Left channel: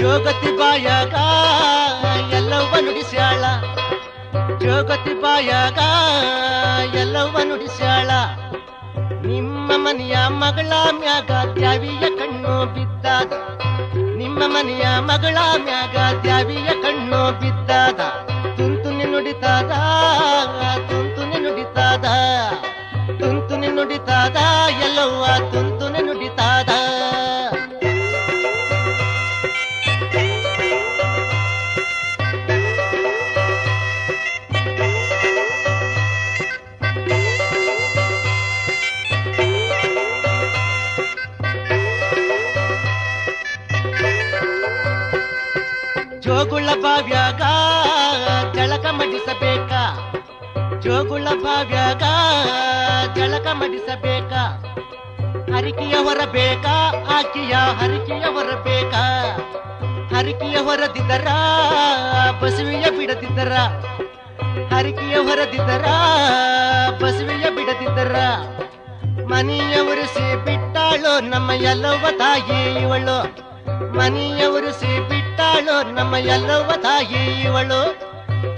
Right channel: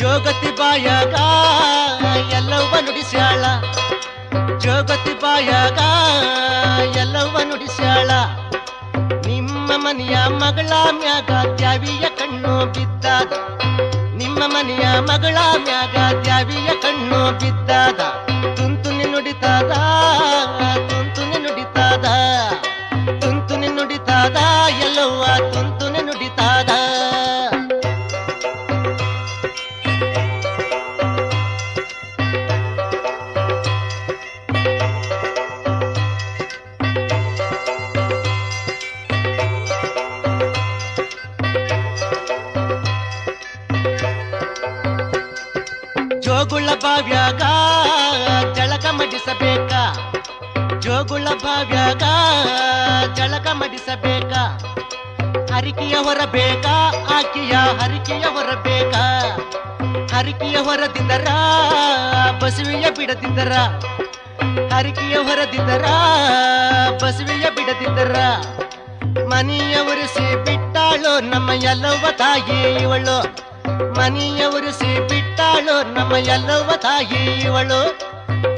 ಜೋಗತಿ ಬಾಯಾಗ ಎಲ್ಲವ್ವ ನುಡಿಸ್ಯಾಳ, ಜೋಗತಿ ಬಾಯಾಗ ಎಲ್ಲವ್ವ ನುಡಿಸ್ಯಾಳ. ನಿಮ್ಮ ಮನೆಯ ಮಗಳ ಮ್ಯಾಗ ದ್ಯಾವಿಯ ಕಣ್ಣು ಬಿದ್ದಾದ, ನಿಮ್ಮ ಮನೆಯ ಮಗಳ ಮ್ಯಾಗ ದ್ಯಾವಿಯ ಕಣ್ಣು ಬಿದ್ದಾದ. ತುಂತುನಿ ನುಡಿತಾದ, ತುಂತುನಿ ನುಡಿತಾದ, ತುಂತುನಿ ನುಡಿತಾದ ಎಲ್ಲವ್ವ ತುಂತುನಿ ನುಡಿತಾದ. ಜೋಗುಳ ಬಾವ್ಯಾಗ ಜಳಕ ಮಡಿಸಬೇಕ, ಜೋಗುಳ ಬಾವ್ಯಾಗ ಜಳಕ ಮಡಿಸಬೇಕ. ಹರಿಕೆಯ ಹೊರಬೇಕ, ಆಕಿಯ ಹರಿಕೆಯ ಹೊರಬೇಕ. ಹರಿಕೆಯ ಹೊರದಿದ್ದರ ಬಸವಿಯ ಬಿಡದಿದ್ದರ, ಹರಿಕೆಯ ಹೊರದಿದ್ದರ ಬಸವಿಯ ಬಿಡದಿದ್ದರ. ಮನೆಯ ಉರಿಸಿ ಬಿಟ್ಟಾಳು ನಮ್ಮ ಎಲ್ಲವ್ವ ತಾಯಿ ಇವಳು, ಮನೆಯ ಉರಿಸಿ ಬಿಟ್ಟಾಳು ನಮ್ಮ ಎಲ್ಲವ್ವ ತಾಯಿ ಇವಳು.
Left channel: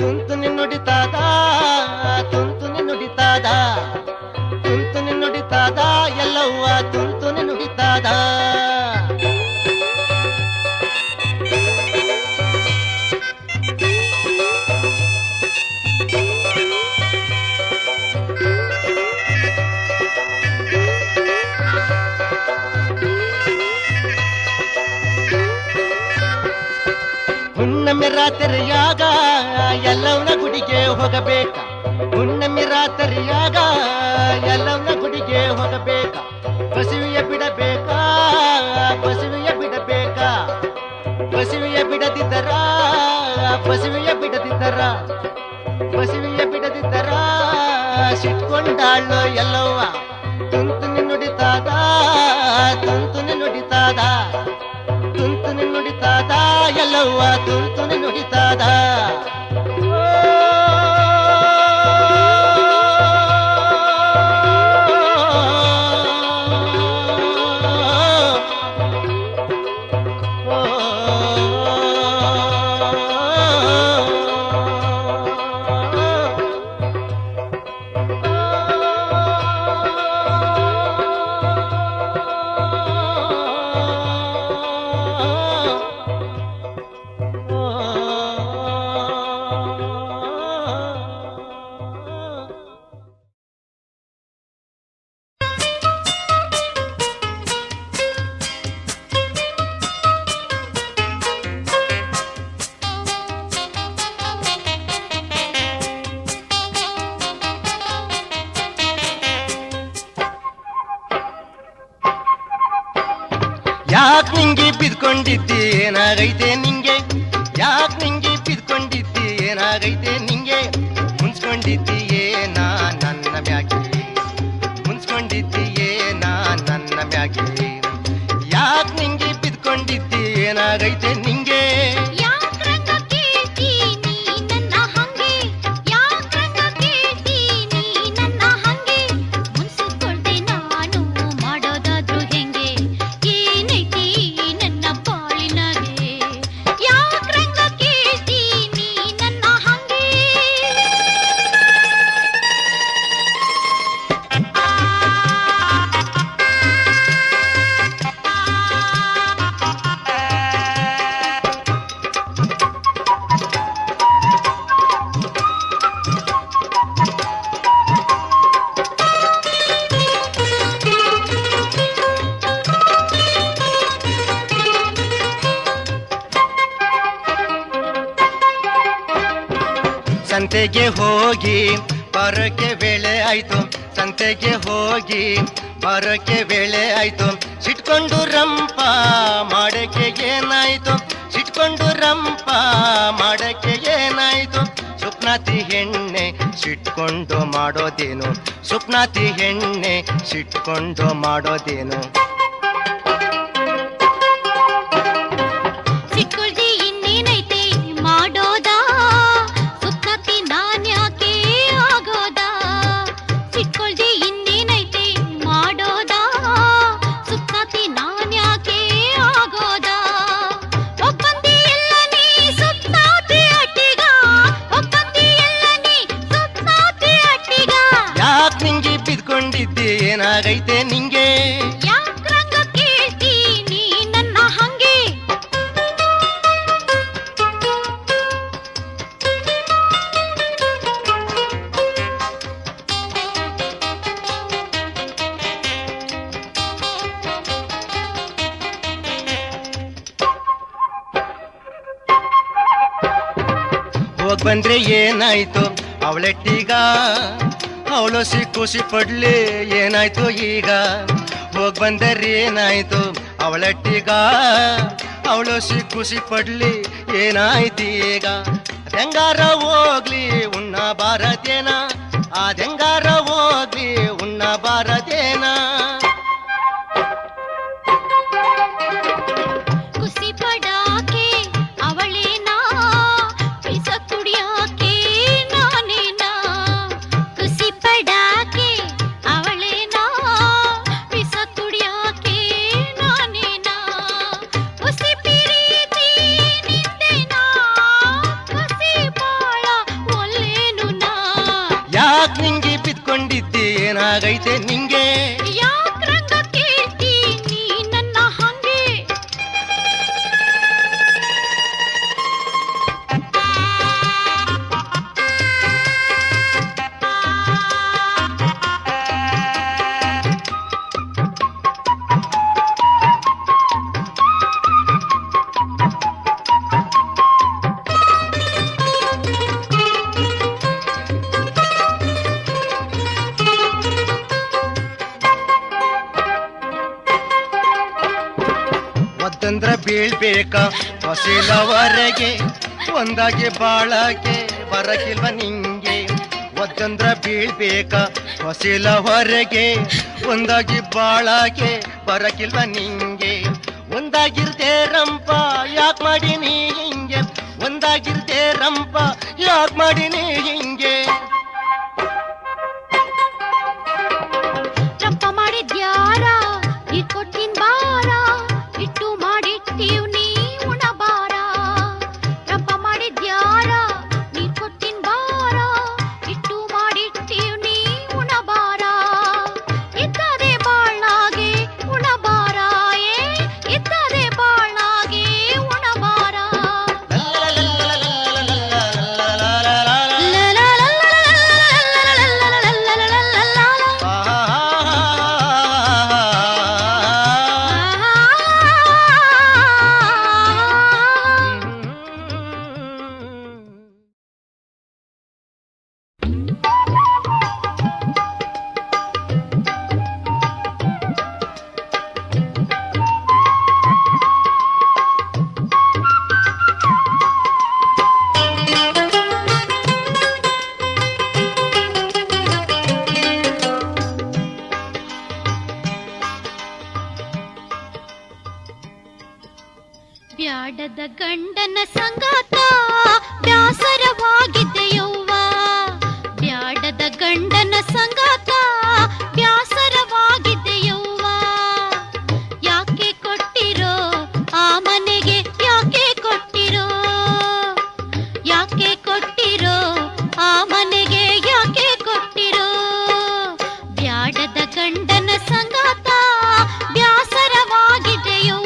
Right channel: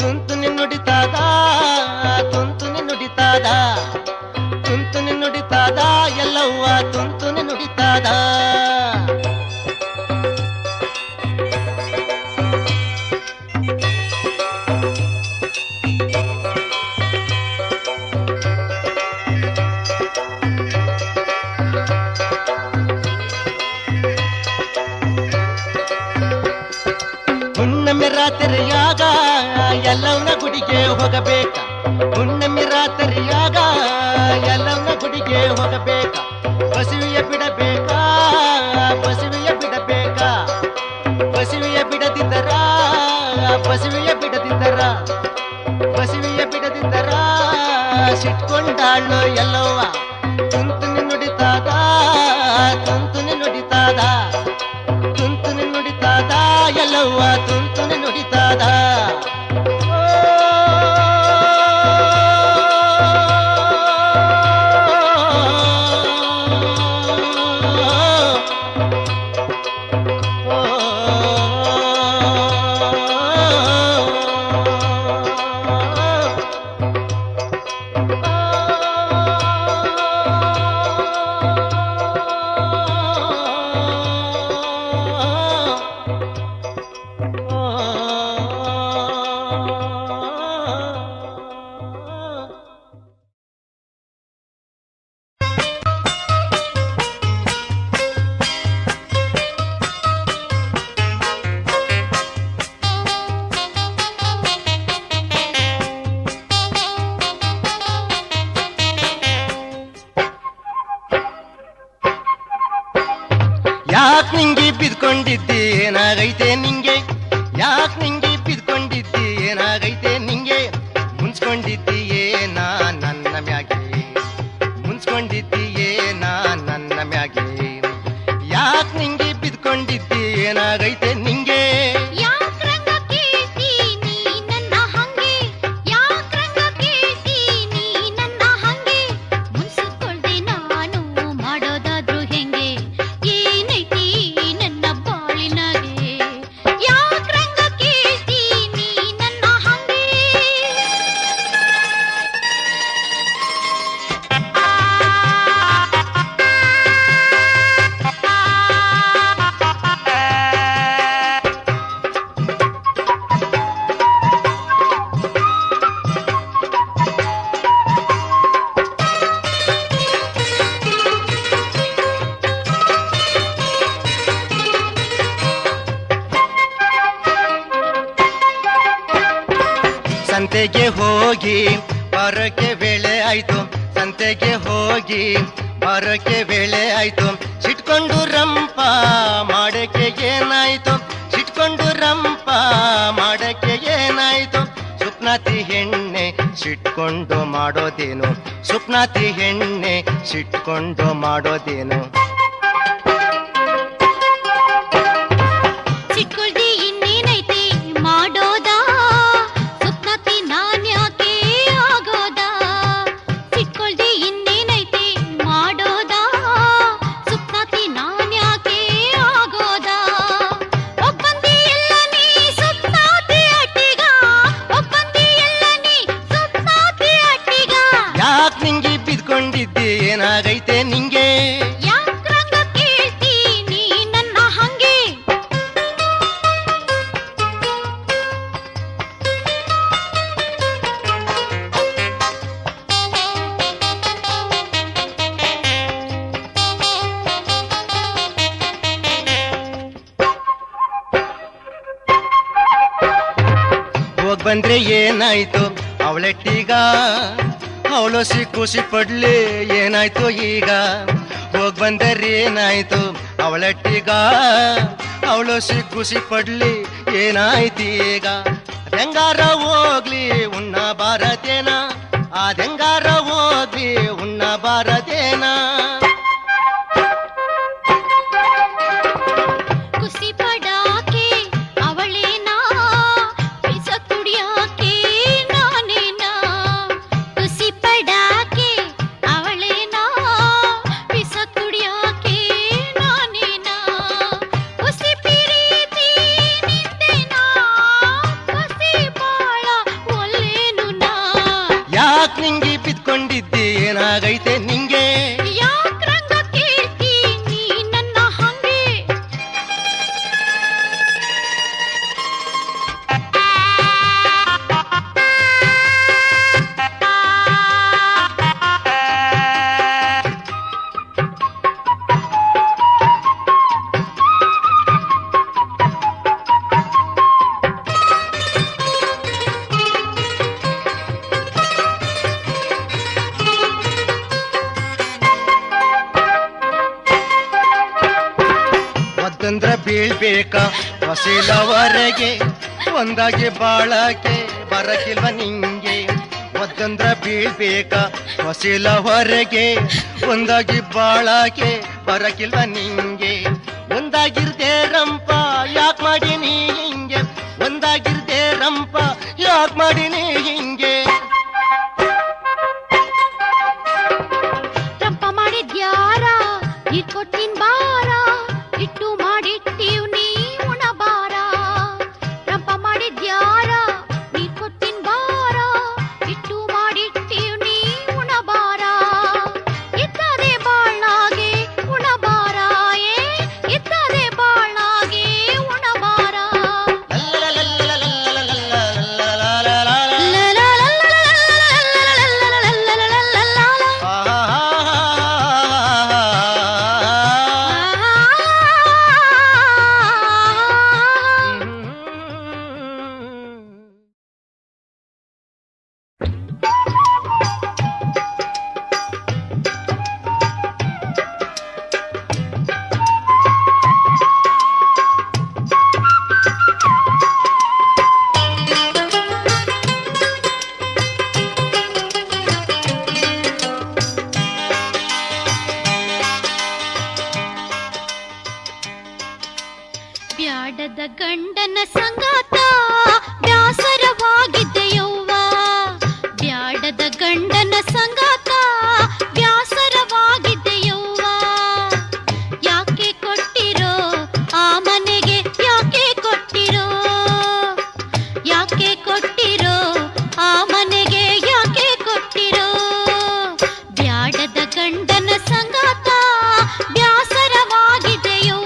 ತುಂತುನಿ ನುಡಿತಾದ, ತುಂತುನಿ ನುಡಿತಾದ, ತುಂತುನಿ ನುಡಿತಾದ ಎಲ್ಲವ್ವ ತುಂತುನಿ ನುಡಿತಾದ. ಹುಣ್ಣಮ್ಮೆ ರಾತ್ರಿಯಾಗ ಎಲ್ಲವನ ಗುಡಿಗೆ ಹೋಗಬೇಕ, ಹುಣ್ಣಮ್ಮೆ ರಾತ್ರಿಯಾಗ ಎಲ್ಲವನ ಗುಡಿಗೆ ಹೋಗಬೇಕ. ಬಸವಿಯ ಬಿಡಬೇಕ, ಬಸವಿಯ ಬಿಡಬೇಕ. ಬಸವಿಯ ಬಿಡದಿದ್ದರ, ಬಸವಿಯ ಬಿಡದಿದ್ದರ, ಬಸವಿಯ ಬಿಡದಿದ್ದರ ಸಿಟ್ಕೊಂಡಾಳು ಎಲ್ಲವ್ವ. ತುಂತುನಿ ನುಡಿತಾದ, ತುಂತುನಿ ನುಡಿತಾದ, ತುಂತುನಿ ನುಡಿತಾದ ಎಲ್ಲವ್ವ ತುಂತುನಿ ನುಡಿತಾದ. ಯಾಕ್ ನಿಂಗೆ ಬಿದ್ಕೊಂಡಿದ್ದಿ ಏನಾಗೈತೆ ನಿಂಗೆ, ಯಾಕ್ ನಿಂಗೆ ಬಿದ್ಕೊಂಡಿದ್ದಿ ಏನಾಗೈತೆ ನಿಂಗೆ. ಮುನ್ಸ್ಕೊಂಡಿದ್ದೀಯೇ ನಾ ನನ್ನ ಮ್ಯಾಗೆ, ಮುನ್ಸ್ಕೊಂಡಿದ್ದೀಯೇ ನಾ ನನ್ನ ಮ್ಯಾಗೆ. ಯಾಕ್ ನಿಂಗೆ ಬಿದ್ಕೊಂಡಿದ್ದಿ ಏನಾಗೈತೆ ನಿಂಗೆ. ಸಂತೆಗೆ ಹೋಗಿ ಬರೋಕೆ ವೇಳೆ ಆಯ್ತು, ಸಂತೆಗೆ ಹೋಗಿ ಬರೋಕೆ ವೇಳೆ ಆಯ್ತು. ಸಿಟ್ಕೊಂಡು ರಂಪ ಮಾಡಕ್ಕೆ ಏನಾಯ್ತು, ಸಿಟ್ಕೊಂಡು ರಂಪ ಮಾಡಕ್ಕೆ ಏನಾಯ್ತು. ಸುಪ್ನಾತಿ ಹೆಣ್ಣೆ ಸಿಟ್ಕೊಂಡು ಮಾಡೋದೇನು, ಸುಪ್ನಾತಿ ಹೆಣ್ಣೆ ಸಿಟ್ಕೊಂಡು ಮಾಡೋದೇನು. ಮಾಡೋದಾ ಸುಪ್ನಾತಿ ನಾನ್ಯಾಕೆ ಆಗೋದಾ. ಬಿದ್ಕೊಂಡಿದ್ದೆ ಏನಾಗೈತೆ ನಿಂಗೆ? ಯಾಕ್ರಂಗ ಕೇಳ್ತೀನಿ ನನ್ನ ಹಂಗೆ? ಹೋಗ್ ಬಂದ್ರೆ ಏನಾಯ್ತು ಅವಳೆಟ್ಟೀಗ? ಅವಳು ಖುಷಿ ಪಡ್ಲಿ ಏನಾಯ್ತು ಈಗ? ಹೋಗ್ ಬಂದರೆ ಏನಾಯ್ತು ಅವಳೆಟ್ಟೀಗ? ಅವಳು ಖುಷಿ ಪಡ್ಲಿ ಏನಾಯ್ತು ಈಗ? ಅದೆಂಗಾರ ಹೋಗ್ಲಿ ಉಣ್ಣ ಬಾರದೇನ? ಅದೆಂಗಾರ ಹೋಗ್ಲಿ ಉಣ್ಣ ಬಾರದೇನ? ಖುಷಿ ಪಡಾಕೆ ಅವಳೇನಾ, ಪಿಸ ಕುಡಿಯಾಕೆ ನಾನೇನಾ? ಖುಷಿ ಪಡಾಕೆ ಅವಳೇನಾ, ಪಿಸ ಕುಡಿಯಾಕೆ ನಾನೇನಾ? ಖುಷಿ ಪ್ರೀತಿ ನಿಂದೇನಾ, ಖುಷಿ ಬಾಳ ಒಲ್ಲೇನು ನಾ? ಯಾಕ್ ನಿಂಗೆ ಬಿದ್ಕೊಂಡಿದ್ದೆ ಏನಾಗೈತೆ ನಿಂಗೆ? ಯಾಕ್ರಂಗ ಕೇಳ್ತೀನಿ ನನ್ನ ಹಂಗೆ? ಒದ್ದಂದ್ರ ಬೀಳ್ಬೇಕ ಹೊಸಿಲವರೆಗೆ, ಒಂದಾಗಿ ಬಾಳಕ್ಕೆ ಬರಕಿಲ್ವ ನಿಂಗೆ? ಒದ್ದಂದ್ರ ಬೀಳ್ಬೇಕ ಹೊಸಿಲವರೆಗೆ, ಒಂದಾಗಿ ಬಾಳಕ್ಕೆ ಬರಕಿಲ್ವ ನಿಂಗೆ? ಒಂದಾಗಿರ್ದೆ ರಂಪ ಯಾಕ್ ಮಾಡಿನಿ ಹಿಂಗೆ? ಒಂದಾಗಿರ್ದೆ ರಂಪ ಯಾಕ್ ಮಾಡಿನಿ ಹಿಂಗೆ? ರಂಪ ಮಾಡಿದ್ಯಾರ ನೀ ಕೊಟ್ಟಿನ್ ಬಾರ, ಇಟ್ಟು ಮಾಡಿಟ್ಟೀವ್ ನೀ ಉಣಬಾರ. ರಂಪ ಮಾಡಿದ್ಯಾರ ನೀ ಕೊಟ್ಟಿನ್ ಬಾರ, ಇಟ್ಟು ಮಾಡಿಟ್ಟೀವ್ ನೀ ಉಣಬಾರ. ಇತ್ತದೆ ಬಾಳ್ನಾಗೆ ಉಣಬಾರ, ಇತ್ತದೆ ಬಾಳ್ನಾಗೆ ಉಣಬಾರ. ಬ್ಯಾಡದ ಗಂಡನ ಸಂಗಾತ ಬ್ಯಾಸರವಾಗಿದ್ದೆಯವ್ವ, ಬ್ಯಾಡದ ಗಂಡನ ಸಂಗಾತ ಬ್ಯಾಸರವಾಗಿದ್ದೆಯವ್ವ. ಯಾಕೆ ಕೊಟ್ಟಿರೋ ಆ ಮನೆಗೆ, ಯಾಕೆ ಕೊಟ್ಟಿರೋ, ಯಾಕೆ ಕೊಟ್ಟಿರೋ ಆ ಮನೆಗೆ, ಯಾಕೆ ಕೊಟ್ಟಿರೋ? ಬ್ಯಾಡದ ಗಂಡನ ಸಂಗಾತ ಬ್ಯಾಸರವಾಗಿದೆಯವ್ವ.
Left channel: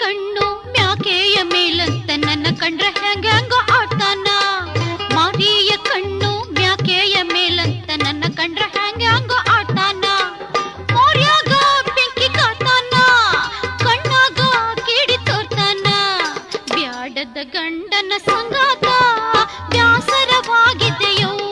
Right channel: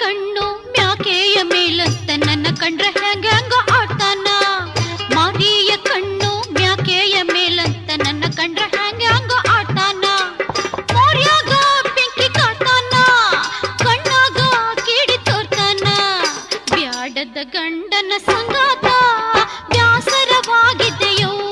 ಕಣ್ಣು ಮ್ಯಾಕೆಯ ಮೇಲಂತ ನನ್ನ ಕಂಡ್ರೆ ಹೆಂಗ ಆಡ್ತಾನ? ಮಾರಿಯ ಕಣ್ಣು ಮ್ಯಾಕೆಯ ಮೇಲಂತ ನನ್ನ ಕಂಡ್ರೆ ಹೆಂಗ ಆಡ್ತಾನ? ಮೋರ್ಯಾಗ ಬೆಂಕಿ ಕಾತಾನ, ಕಣ್ಣಾಗ ಕಿಡಿ ತೋರ್ತಾನ. ಬ್ಯಾಡದ ಗಂಡನ ಸಂಗಾತ ಬ್ಯಾಸರವಾಗಿದೆಯವ್ವ.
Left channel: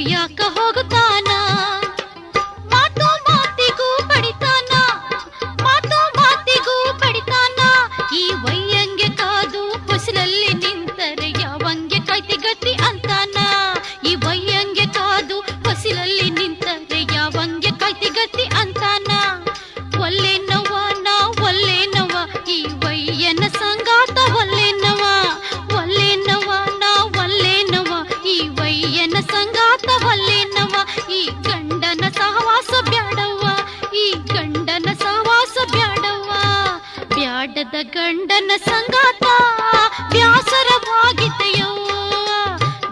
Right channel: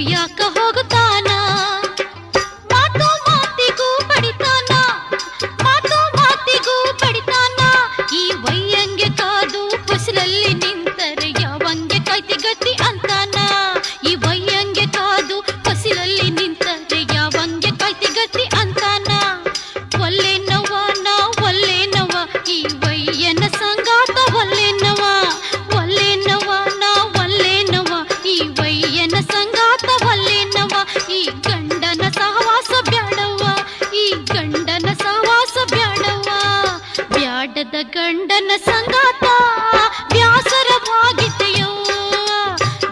ಕುಡಿಯಾಕ ಹೋಗುತ್ತಾನ. ಮಾತು ಮಾತಿಗೂ ಬಡಿತಾನ, ಮಾತು ಮಾತಿಗೂ ಬಡಿತಾನ. ಈ ವಯ್ಯಂಗೆ ಕಾದು ಹೊಸಲಲ್ಲಿ ನಿಂತರೆ ಯಾವಂಗೆ ಕಾಯ್ತಿ ಗತಿ ಅಂತಾನ. ಈ ವಯ್ಯಂಗೆ ಕಾದು ಹೊಸಲಲ್ಲಿ ನಿಂತರೆ ಯಾವಂಗೆ ಕಾಯ್ತಿ ಗತಿ ಅಂತಾನ. ಒಲ್ಲೆನವ ನಾ ಒಲ್ಲೆನವ ಈ ವಯ್ಯನ ಸಂಗಾತ ಒಲ್ಲೆನವ. ಒಲ್ಲೆನವ ನಾ ಒಲ್ಲೆನವ ಈ ವಯ್ಯನ ಸಂಗಾತ ಒಲ್ಲೆನವ. ಈ ಗಂಡನ ಸಹವಾಸ ಬ್ಯಾಡವ್ವ, ಈ ಗಂಡನ ಸಹವಾಸ ಬ್ಯಾಡವ್ವ. ಬ್ಯಾಡದ ಗಂಡನ ಸಂಗಾತ ಬ್ಯಾಸರವಾಗಿದೆಯವ್ವ.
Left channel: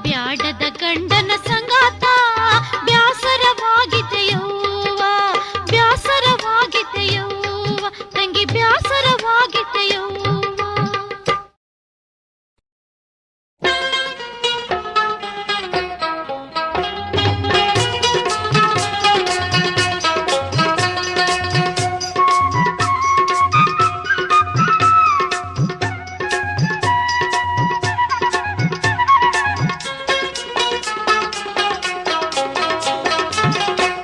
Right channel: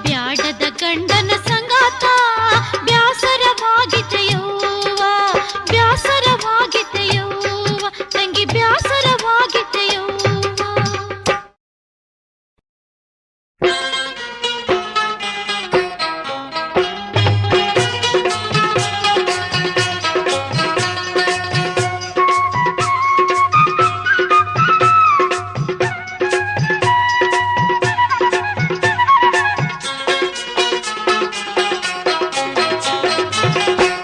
ಬ್ಯಾಡದ ಗಂಡನ ಸಂಗಾತ ಬ್ಯಾಸರವಾಗಿದೆಯವ್ವ. ಬ್ಯಾಸರವಾಗಿದೆಯವ್ವ ತಂಗಿ ಬ್ಯಾಸರವಾಗಿದೆಯವ್ವ.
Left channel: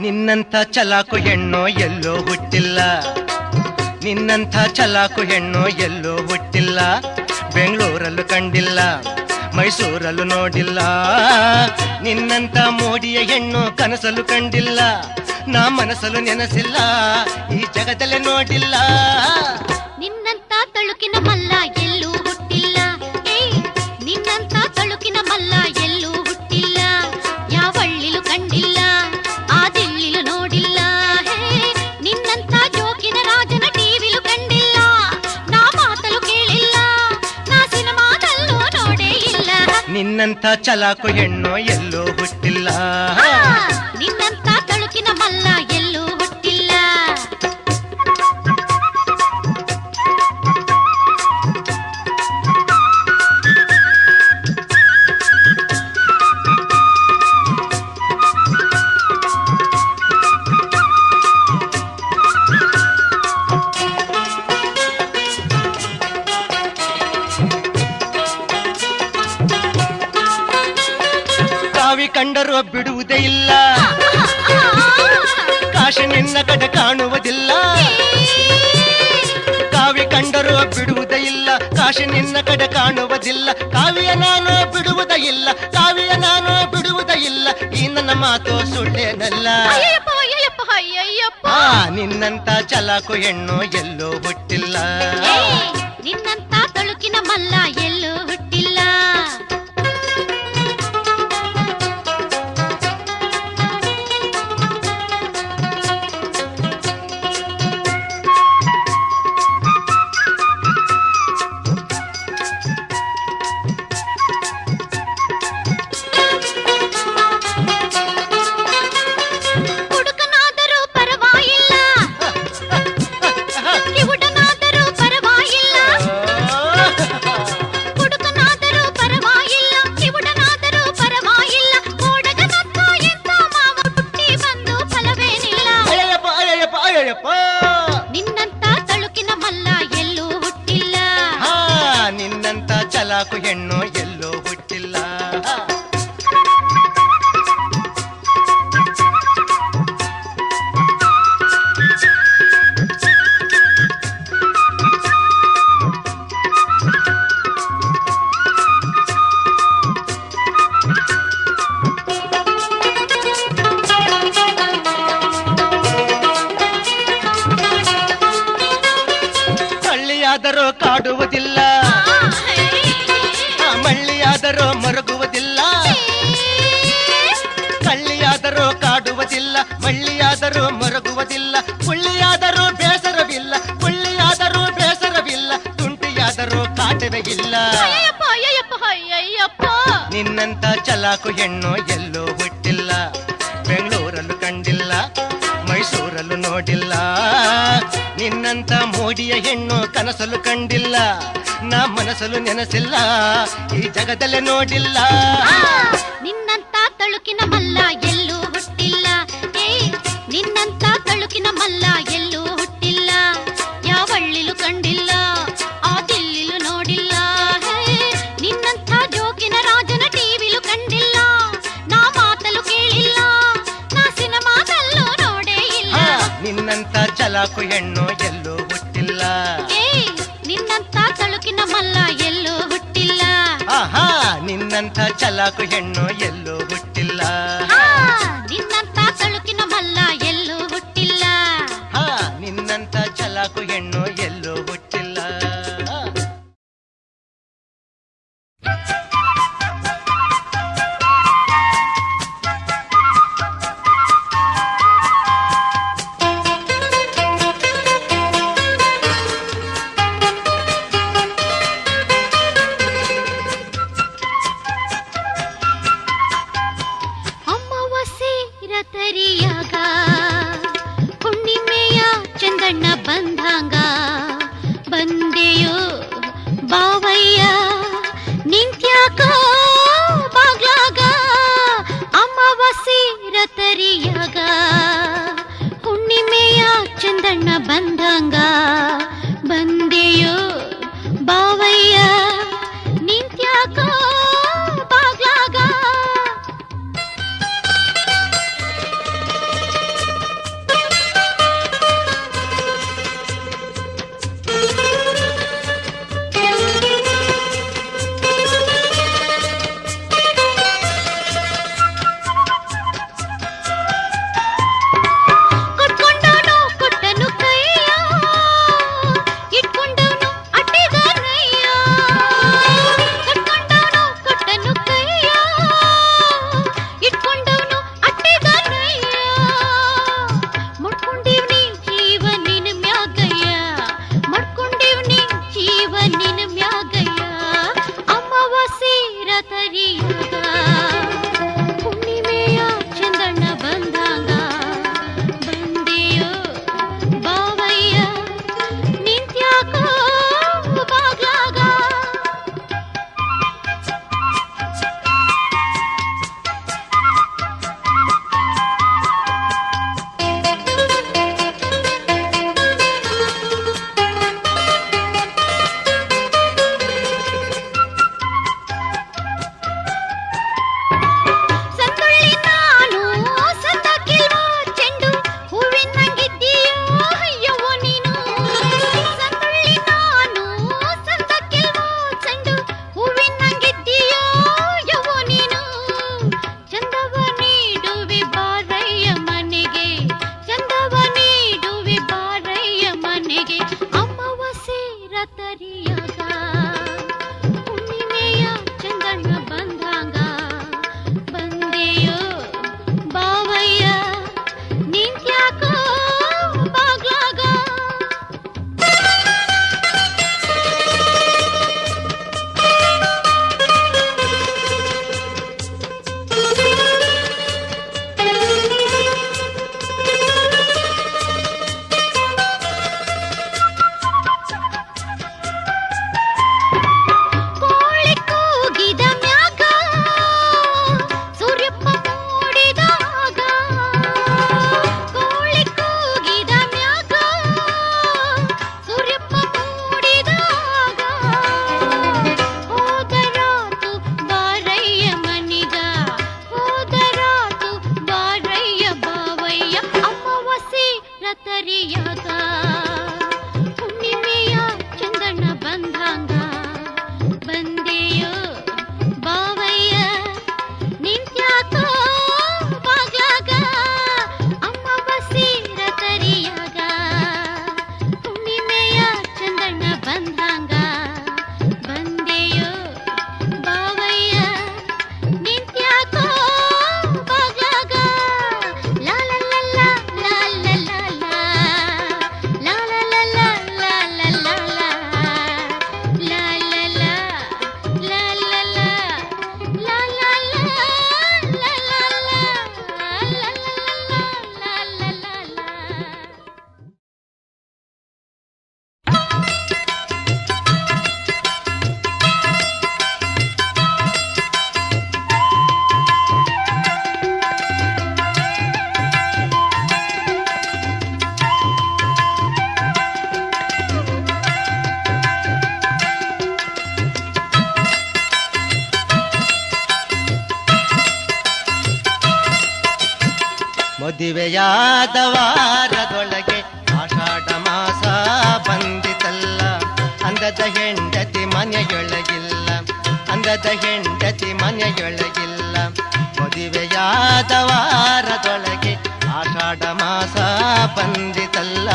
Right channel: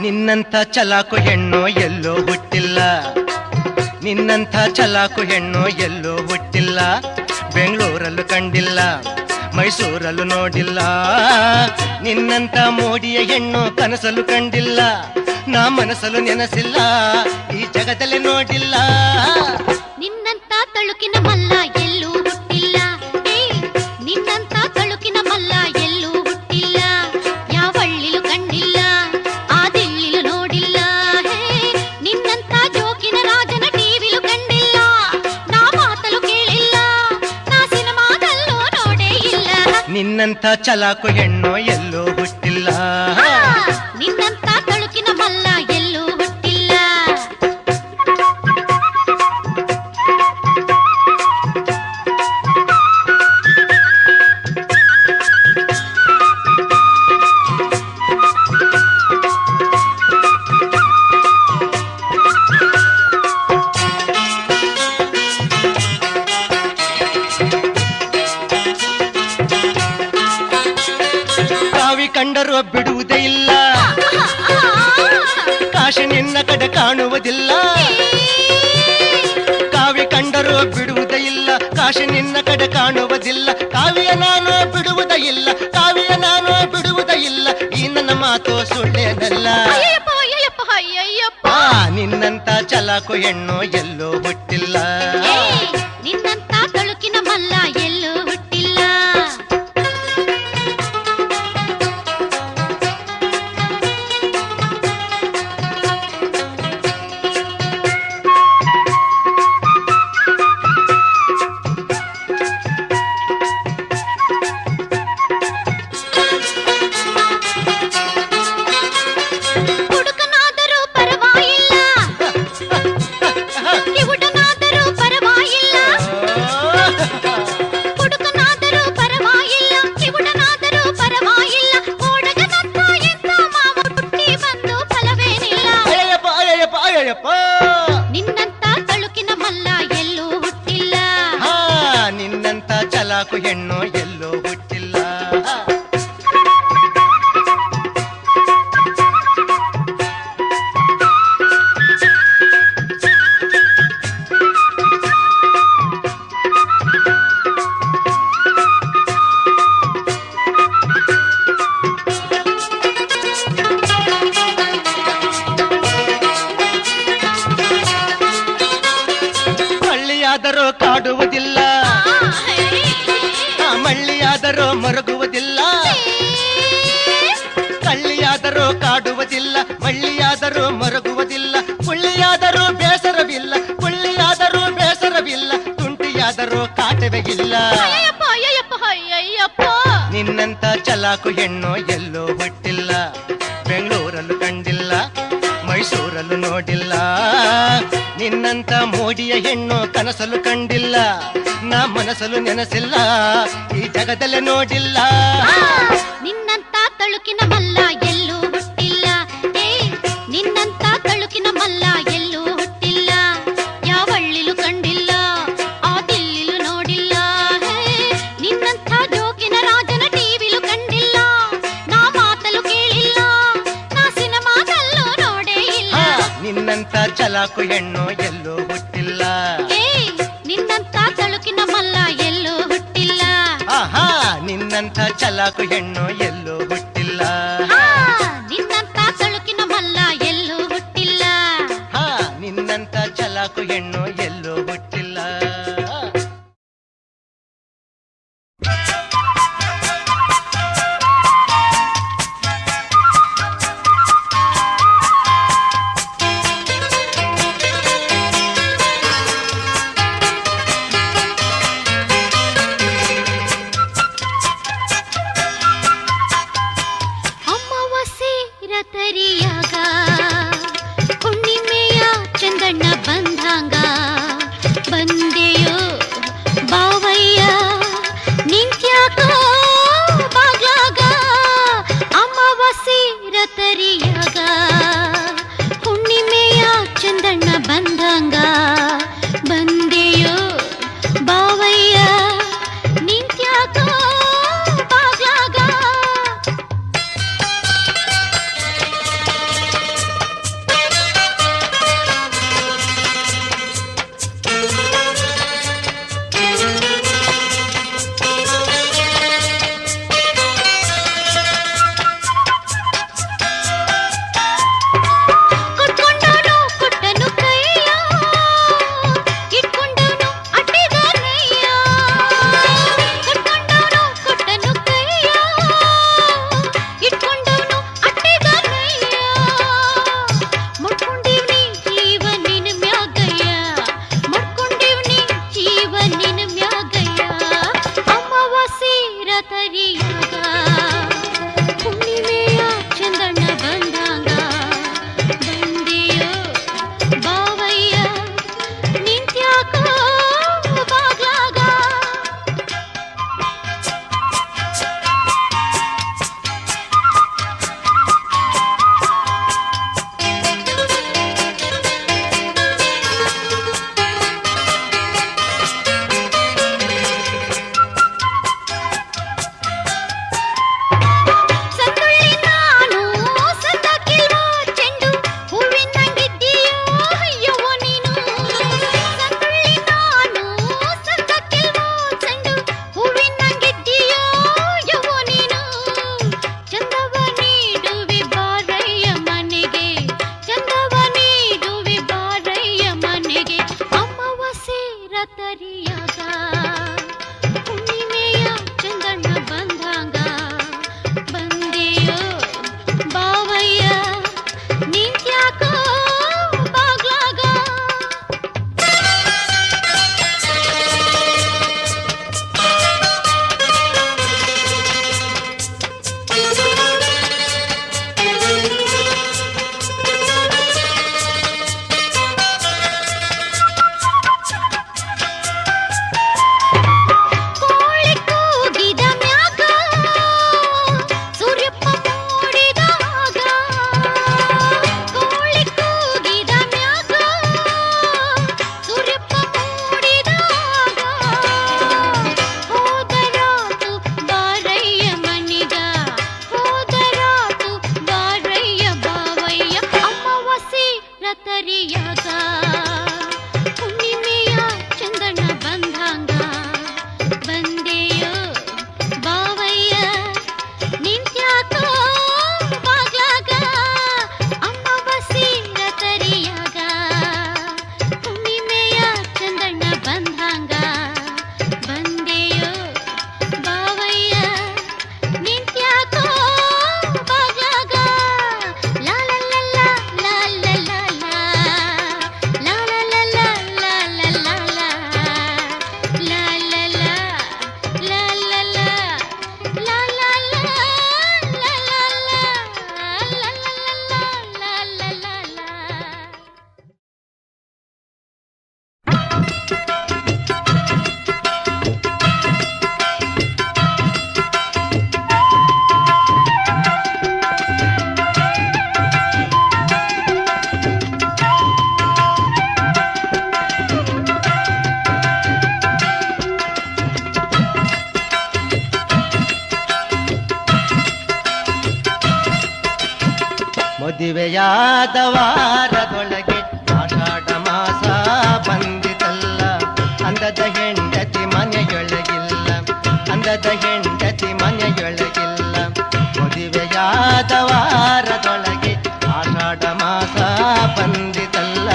ನಿನ್ನಂಥ ಚಲಾಕು ಹೆಣ್ಣು ಎಲ್ಲೋ ಹುಟ್ಟಿಲ್ಲ, ನಿನ್ನಂಥ ಚಲಾಕು ಹೆಣ್ಣು ಎಲ್ಲೋ ಹುಟ್ಟಿಲ್ಲ. ಬೆಂಗಳೂರಲ್ಲೂ ಕಂಡಿಲ್ಲ, ಮೈಸೂರಲ್ಲೂ ನೋಡಿಲ್ಲ. ನಿನ್ನಂಥ ಮೋಡಿಯ ಹೆಣ್ಣು ಕನಸಲು ಕಂಡಿಲ್ಲ, ನಾ ಮನಸ್ಸಲು ನೆನಸಿಲ್ಲ, ಈ ಜಗದಲ್ಲೇ ನೋಡಿಲ್ಲ. ನಿನ್ನಂತ ತಳುಕಿನ ಮಲ್ಲ ಎಲ್ಲೂ ಹುಟ್ಟಿಲ್ಲ, ನಿನ್ನಂತ ತಳುಕಿನ ಮಲ್ಲ ಎಲ್ಲೂ ಹುಟ್ಟಿಲ್ಲ. ಯಾವಳ್ಳಿಲು ಕಂಡಿಲ್ಲ, ಆ ದಿಲ್ಲಿಲು ನೋಡಿಲ್ಲ. ನಿನ್ನಂತ ಜೋಕಿನ ರಾಜನ ಟಿವಿಲು ಕಂಡಿಲ್ಲ, ನಾ ಮಾತಲು ಕೇಳಿಲ್ಲ, ನಾ ಸಿನಿಮಾದಲ್ಲೂ ನೋಡೇ ಇಲ್ಲ. ನಿನ್ನಂಥ ಚಲಾಕು ಹೆಣ್ಣು ಎಲ್ಲೋ ಹುಟ್ಟಿಲ್ಲ, ನಿನ್ನಂತ ತಳುಕಿನ ಮಲ್ಲ ಎಲ್ಲೂ ಹುಟ್ಟಿಲ್ಲ. ಕಾವಿ ಕಂಡರೂ ಬಿಡುವುದೇ ಇಲ್ಲ, ಕಾಶಿ ನಿನ್ನ ಕಡೆ ಕಾಣುವುದಿಲ್ಲ. ಕಾವಿ ಕಂಡರೂ ಬಿಡುವುದೇ ಇಲ್ಲ, ಕಾಶಿ ನಿನ್ನ ಕಡೆ ಕಾಣುವುದಿಲ್ಲ. ಕಾವಿಯ ನಾನು ಬಿಡುವುದೇ ಇಲ್ಲ, ಕಾವಿಯ ನಾನು ಬಿಡುವುದೇ ಇಲ್ಲ, ಈ ನನ್ನ ಮಾತು ಸುಳ್ಳೇನಲ್ಲ. ನಿನ್ನಂತ ಚಲಾಕು ಹೆಣ್ಣು ಎಲ್ಲೋ ಹುಟ್ಟಿಲ್ಲ, ನಿನ್ನಂತ ತಳುಕಿನ ಮಲ್ಲ ಎಲ್ಲೂ ಹುಟ್ಟಿಲ್ಲ. ಹುಡುಕನಾದರೂ ಪರವಾಗಿಲ್ಲ, ಕಿವುಡನಾದರೂ ಪರವಾಗಿಲ್ಲ. ಹುಡುಕನಾದರೂ ಪರವಾಗಿಲ್ಲ, ಕಿವುಡನಾದರೂ ಪರವಾಗಿಲ್ಲ. ಓಡಗನಂತ ಎಂತ ಮಾವ ಹುಟ್ಟಿ ಬಂದು ಫಲವೇನಿಲ್ಲ. ಅಯ್ಯಪ್ಪ ಅಯ್ಯಪ್ಪ ಅಯ್ಯಪ್ಪ, ನಿನ್ನಂತ ತಳುಕಿನ ಮಲ್ಲ ಎಲ್ಲೂ ಹುಟ್ಟಿಲ್ಲ, ನಿನ್ನಂತ ಚಲಾಕು ಹೆಣ್ಣು ಎಲ್ಲೋ ಹುಟ್ಟಿಲ್ಲ. ಮಳ್ಳಿಯಾದರೂ ಕಾಡುವುದಿಲ್ಲ, ಮಳ್ಳಿಯಾದರೂ ಮರುಗುವುದಿಲ್ಲ. ಕಳ್ಳಿಯಾದರೂ ಕಾಡುವುದಿಲ್ಲ, ಮಳ್ಳಿಯಾದರೂ ಮರುಗುವುದಿಲ್ಲ. ಕುಳ್ಳಿಯಾದರೂ ಬೇಸರವಿಲ್ಲ, ಕುಳ್ಳಿಯಾದರೂ ಬೇಸರವಿಲ್ಲ. ತುಂಟಿಯಾದರೂ ಕಾಟವೇ ಇಲ್ಲ. ನಿನ್ನಂತ ಚಲಾಕು ಹೆಣ್ಣು ಎಲ್ಲೋ ಹುಟ್ಟಿಲ್ಲ, ಬೆಂಗಳೂರಲ್ಲೂ ಕಂಡಿಲ್ಲ, ಮೈಸೂರಲ್ಲೂ ನೋಡಿಲ್ಲ. ನಿನ್ನಂತ ಮೋಡಿಯ ಹೆಣ್ಣು ಕನಸಲು ಕಂಡಿಲ್ಲ, ನಾ ಮನಸ್ಸಲು ನೆನಸಿಲ್ಲ, ಈ ಜಗದಲ್ಲೇ ನೋಡಿಲ್ಲ. ನಿನ್ನಂತ ತಳುಕಿನ ಮಲ್ಲ ಎಲ್ಲೂ ಹುಟ್ಟಿಲ್ಲ, ನಿನ್ನಂತ ತಳುಕಿನ ಮಲ್ಲ ಎಲ್ಲೂ ಹುಟ್ಟಿಲ್ಲ. ಯಾವಳ್ಳಿಲು ಕಂಡಿಲ್ಲ, ಆ ದಿಲ್ಲಿಲು ನೋಡಿಲ್ಲ. ನಿನ್ನಂತ ಜೋಕಿನ ರಾಜನ ಟಿವಿಲು ಕಂಡಿಲ್ಲ, ನಾ ಮಾತಲು ಕೇಳಿಲ್ಲ, ನಿನ್ನಂತ ಚಲಾಕು ಹೆಣ್ಣು ಎಲ್ಲೂ ಹುಟ್ಟಿಲ್ಲ. ನಿನ್ನಂತ ತಳುಕಿನ ಮಲ್ಲ ಎಲ್ಲೂ ಹುಟ್ಟಿಲ್ಲ. ಆಹಾ, ನಿನ್ನಂತ ಚಲಾಕು ಹೆಣ್ಣು ಎಲ್ಲೂ ಹುಟ್ಟಿಲ್ಲ. ನಿನ್ನಂತ ತಳುಕಿನ ಮಲ್ಲ ಎಲ್ಲೂ ಹುಟ್ಟಿಲ್ಲ. ನಿನ್ನಂತ ಚಲಾಕು ಹೆಣ್ಣು ಎಲ್ಲೂ ಹುಟ್ಟಿಲ್ಲ. ತರಿಯಾಗ ಹುಣ್ಣಿಮೆಯ ಚಂದಣ್ಣ ಬಂದಂಗ ಬಂದೆಯೋ ಬಾವಯ್ಯ ನಿಂತ್ಯಾಕೋ ಬಾಗ್ಲಾಗ ಅಮಾವಾಸ್ಯೆ ತರಿಯಾಗ ಹುಣ್ಣಿಮೆಯ ಚಂದಣ್ಣ ಬಂದಂಗ ಬಂದೆಯೋ ಬಾವಯ್ಯ ನಿಂತ್ಯಾಕೋ ಬಾಗ್ಲಾಗ. ಮದುವೆಯಾದ ವಾರದೊಳಗೆ ಆಷಾಢ ಮಾಸ ಬಂದಿತಲ್ಲ, ಅಂದದ ಹೆಂಡತಿ ಮನೆಯೊಳಗಿಲ್ಲ, ಅಂದದ ಹೆಂಡತಿ ಮನೆಯೊಳಗಿಲ್ಲ. ಮದುವೆಯಾದ ವಾರದೊಳಗೆ ಆಷಾಢ ಮಾಸ ಬಂದಿತಲ್ಲ,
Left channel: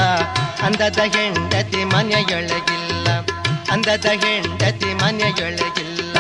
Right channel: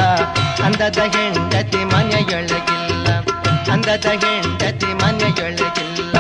ಅಂದದ ಹೆಂಡತಿ ಮನೆಯೊಳಗಿಲ್ಲ, ಅಂದದ ಹೆಂಡತಿ ಮನೆಯೊಳಗಿಲ್ಲ.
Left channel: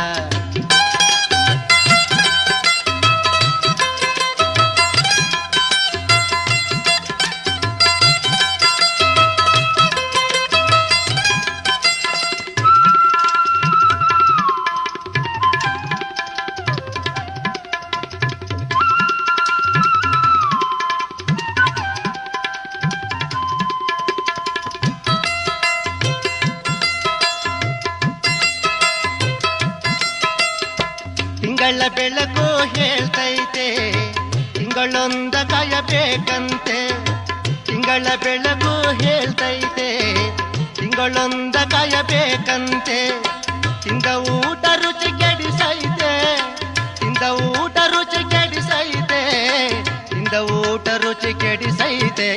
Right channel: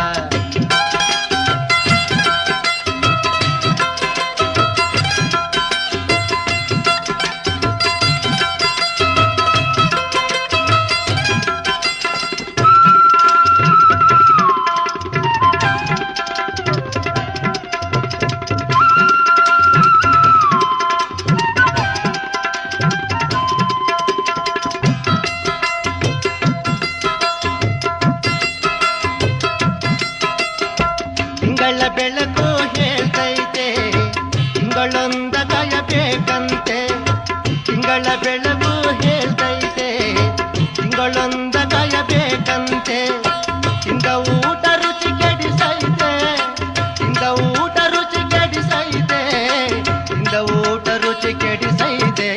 ತಿಂಗಳ ಬೆಳಕು ಹೇಳ್ತೈತೆ, ತಿಂಗಳೊಂದ ಕಾಯಬೇಕಂತೆ. ತಿಂಗಳ ಬೆಳಕು ಹೇಳ್ತೈತೆ, ತಿಂಗಳೊಂದ ಕಾಯಬೇಕಂತೆ. ತಿಂದ ಊಟ ರುಚಿ ಕೆಡಿಸೈತೆ, ತಿಂದ ಊಟ ರುಚಿ ಕೆಡಿಸೈತೆ, ತಿಂದ ಊಟ ರುಚಿ ಕೆಡಿಸೈತೆ.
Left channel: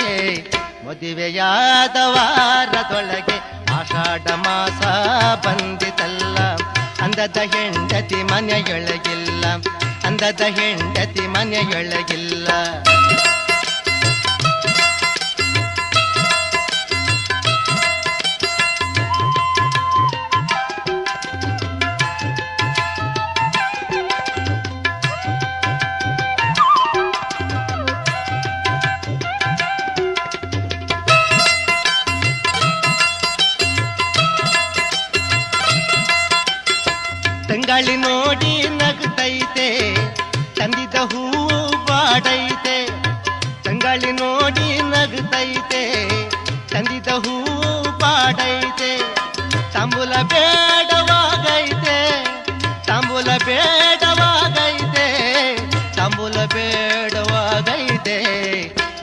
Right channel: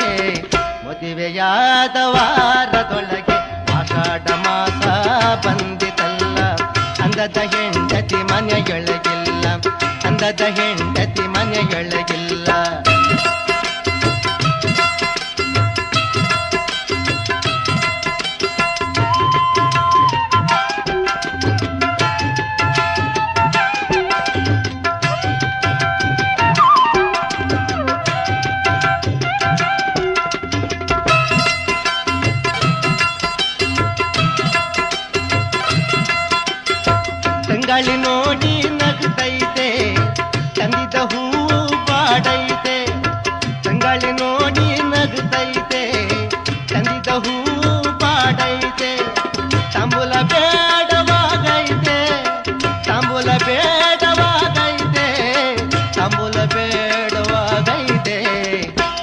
ಮದುವೆಯಾದ ವಾರದೊಳಗೆ ಆಷಾಢ ಮಾಸ ಬಂದಿತಲ್ಲ, ಅಂದದ ಹೆಂಡತಿ ಮನೆಯೊಳಗಿಲ್ಲ, ಅಂದದ ಹೆಂಡತಿ ಮನೆಯೊಳಗಿಲ್ಲ. ತಂಗಾಳಿ ನೋಡಿ ನಗ್ತೈತೆ, ತಂದಿದ ಹೂವು ಬಾಡೈತೆ. ತಂಗಾಳಿ ನೋಡಿ ನಗ್ತೈತೆ, ತಂದಿದ ಹೂವು ಬಾಡೈತೆ. ತಾಂಬೂಲ ಬೇಡವಾಗೈತೆ, ತಾಂಬೂಲ ಬೇಡವಾಗೈತೆ, ತಾಂಬೂಲ ಬೇಡವಾಗೈತೆ.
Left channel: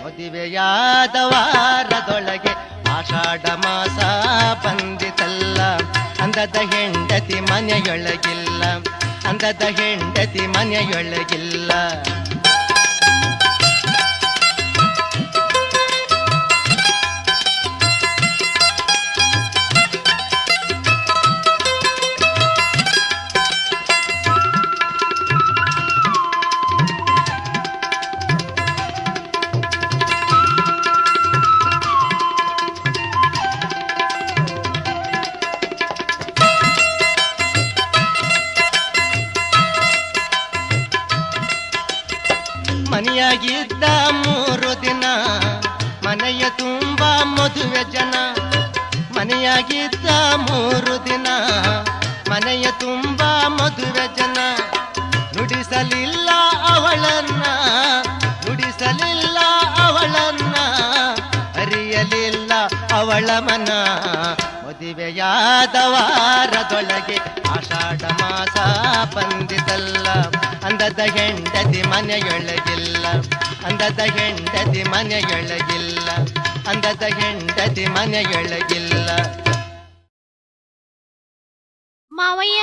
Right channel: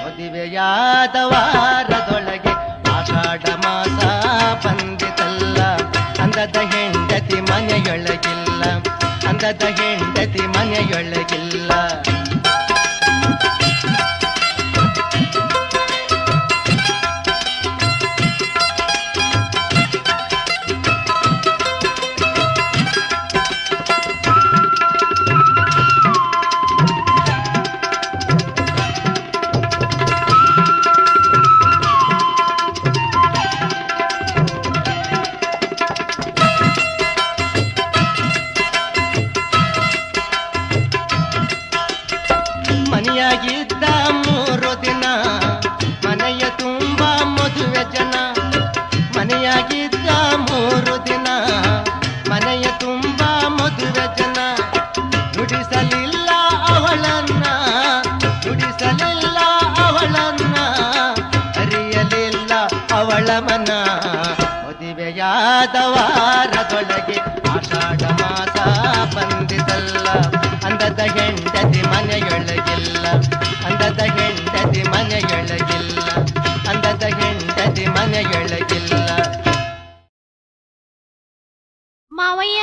ಮದುವೆಯಾದ ವಾರದೊಳಗೆ ಆಷಾಢ ಮಾಸ ಬಂದಿತಲ್ಲ, ಅಂದದ ಹೆಂಡತಿ ಮನೆಯೊಳಗಿಲ್ಲ, ಅಂದದ ಹೆಂಡತಿ ಮನೆಯೊಳಗಿಲ್ಲ. ಮನೆಯಾಗಿದ್ದ 3 ದಿನ ಮನೆಯ ತುಂಬ ಮದುವೆ ಜನ. ಮನೆಯಾಗಿದ್ದ 3 ದಿನ ಮನೆಯ ತುಂಬ ಮದುವೆ ಜನ. ನುಡಿಸಲಿಲ್ಲ ಅವಳನ್ನ, ನುಡಿಸಲಿಲ್ಲ ಅವಳನ್ನ, ಅರಿಯಲಿಲ್ಲ ಅವಳ ಮನ. ಮದುವೆಯಾದ ವಾರದೊಳಗೆ ಆಷಾಢ ಮಾಸ ಬಂದಿತಲ್ಲ, ಅಂದದ ಹೆಂಡತಿ ಮನೆಯೊಳಗಿಲ್ಲ, ಅಂದದ ಹೆಂಡತಿ ಮನೆಯೊಳಗಿಲ್ಲ, ಅಂದದ ಹೆಂಡತಿ ಮನೆಯೊಳಗಿಲ್ಲ. ಮಾವಯ್ಯ,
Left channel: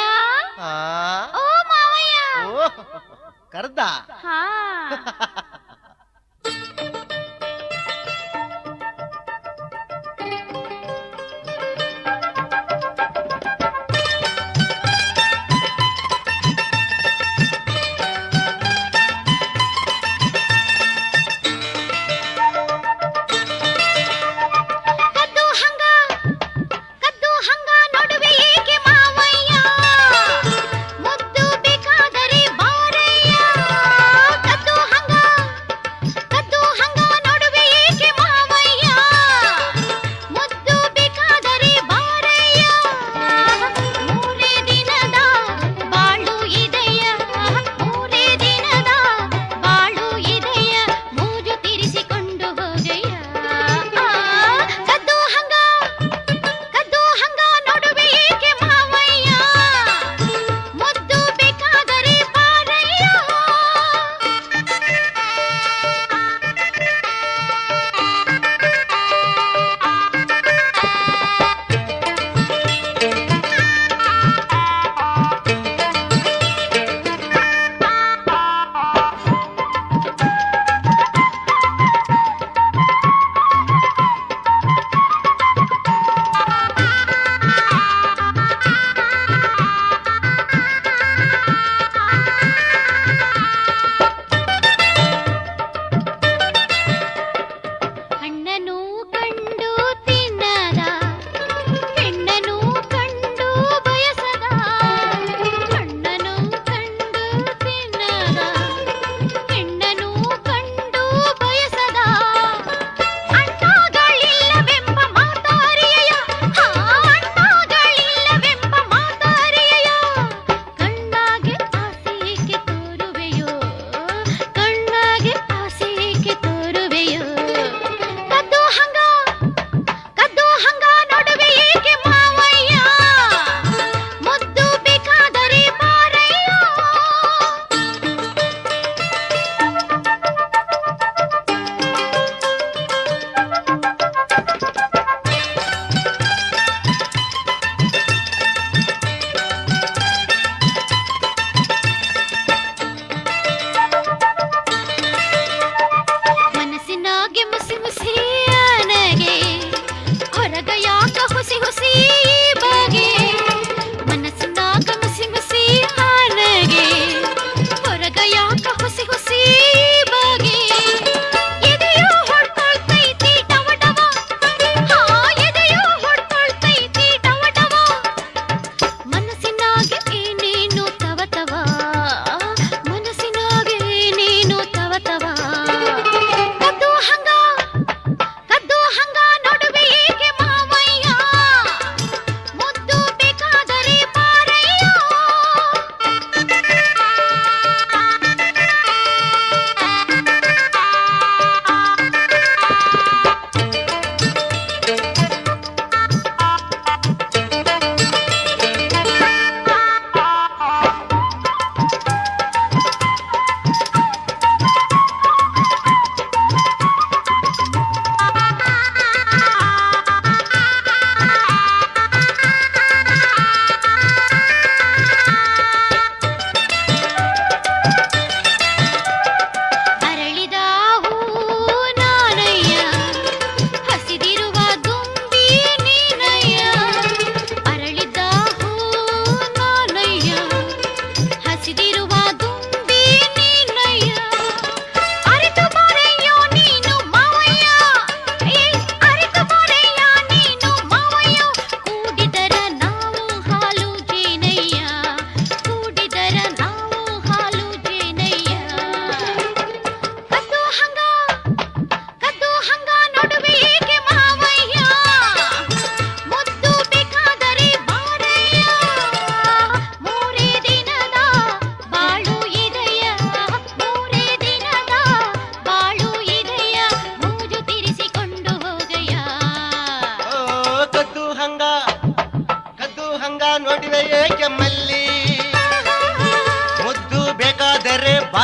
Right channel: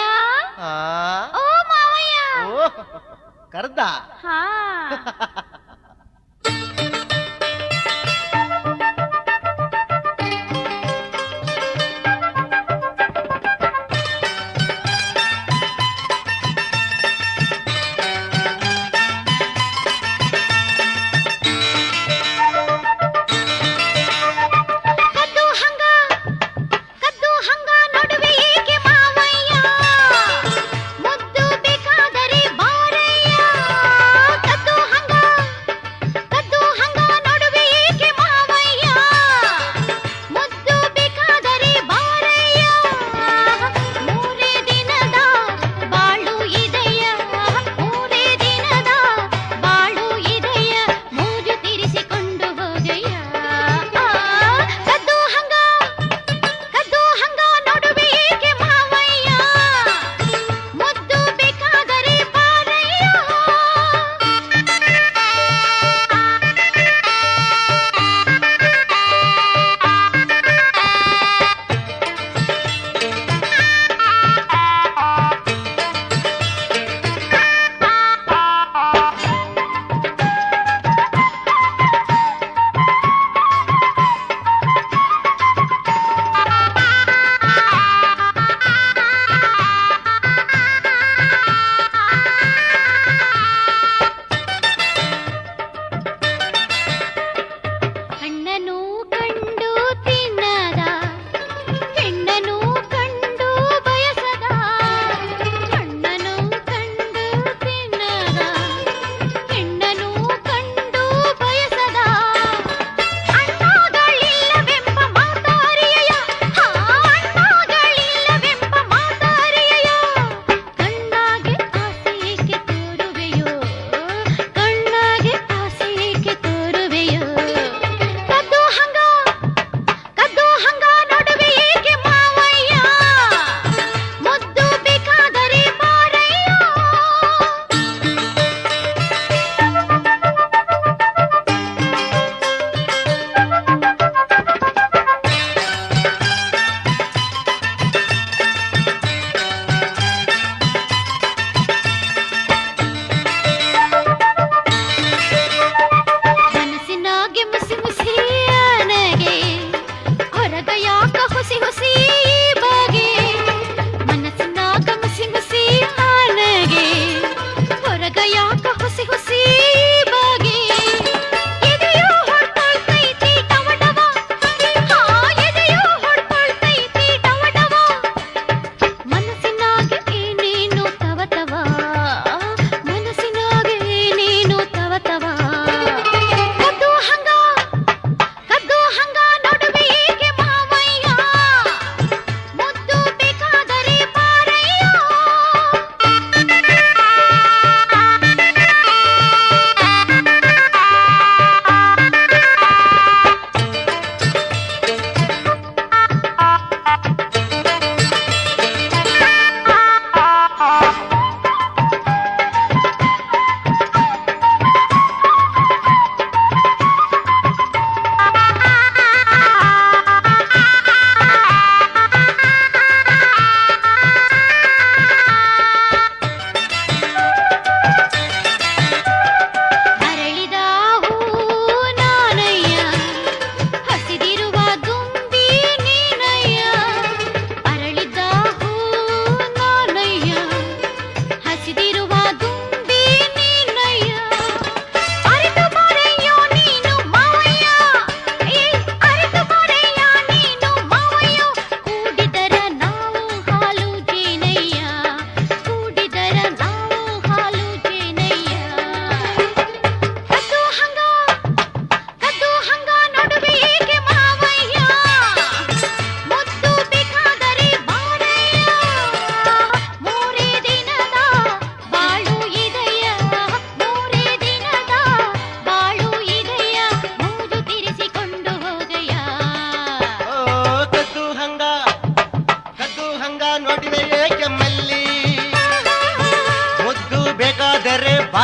ಓ ಮಾವಯ್ಯ, ಕರ್ದ ಹಾ ಮುದ್ದು ಬೇಕಾದರೆ ಬಾರಯ್ಯ, ಕದ್ದು ಹಂಗ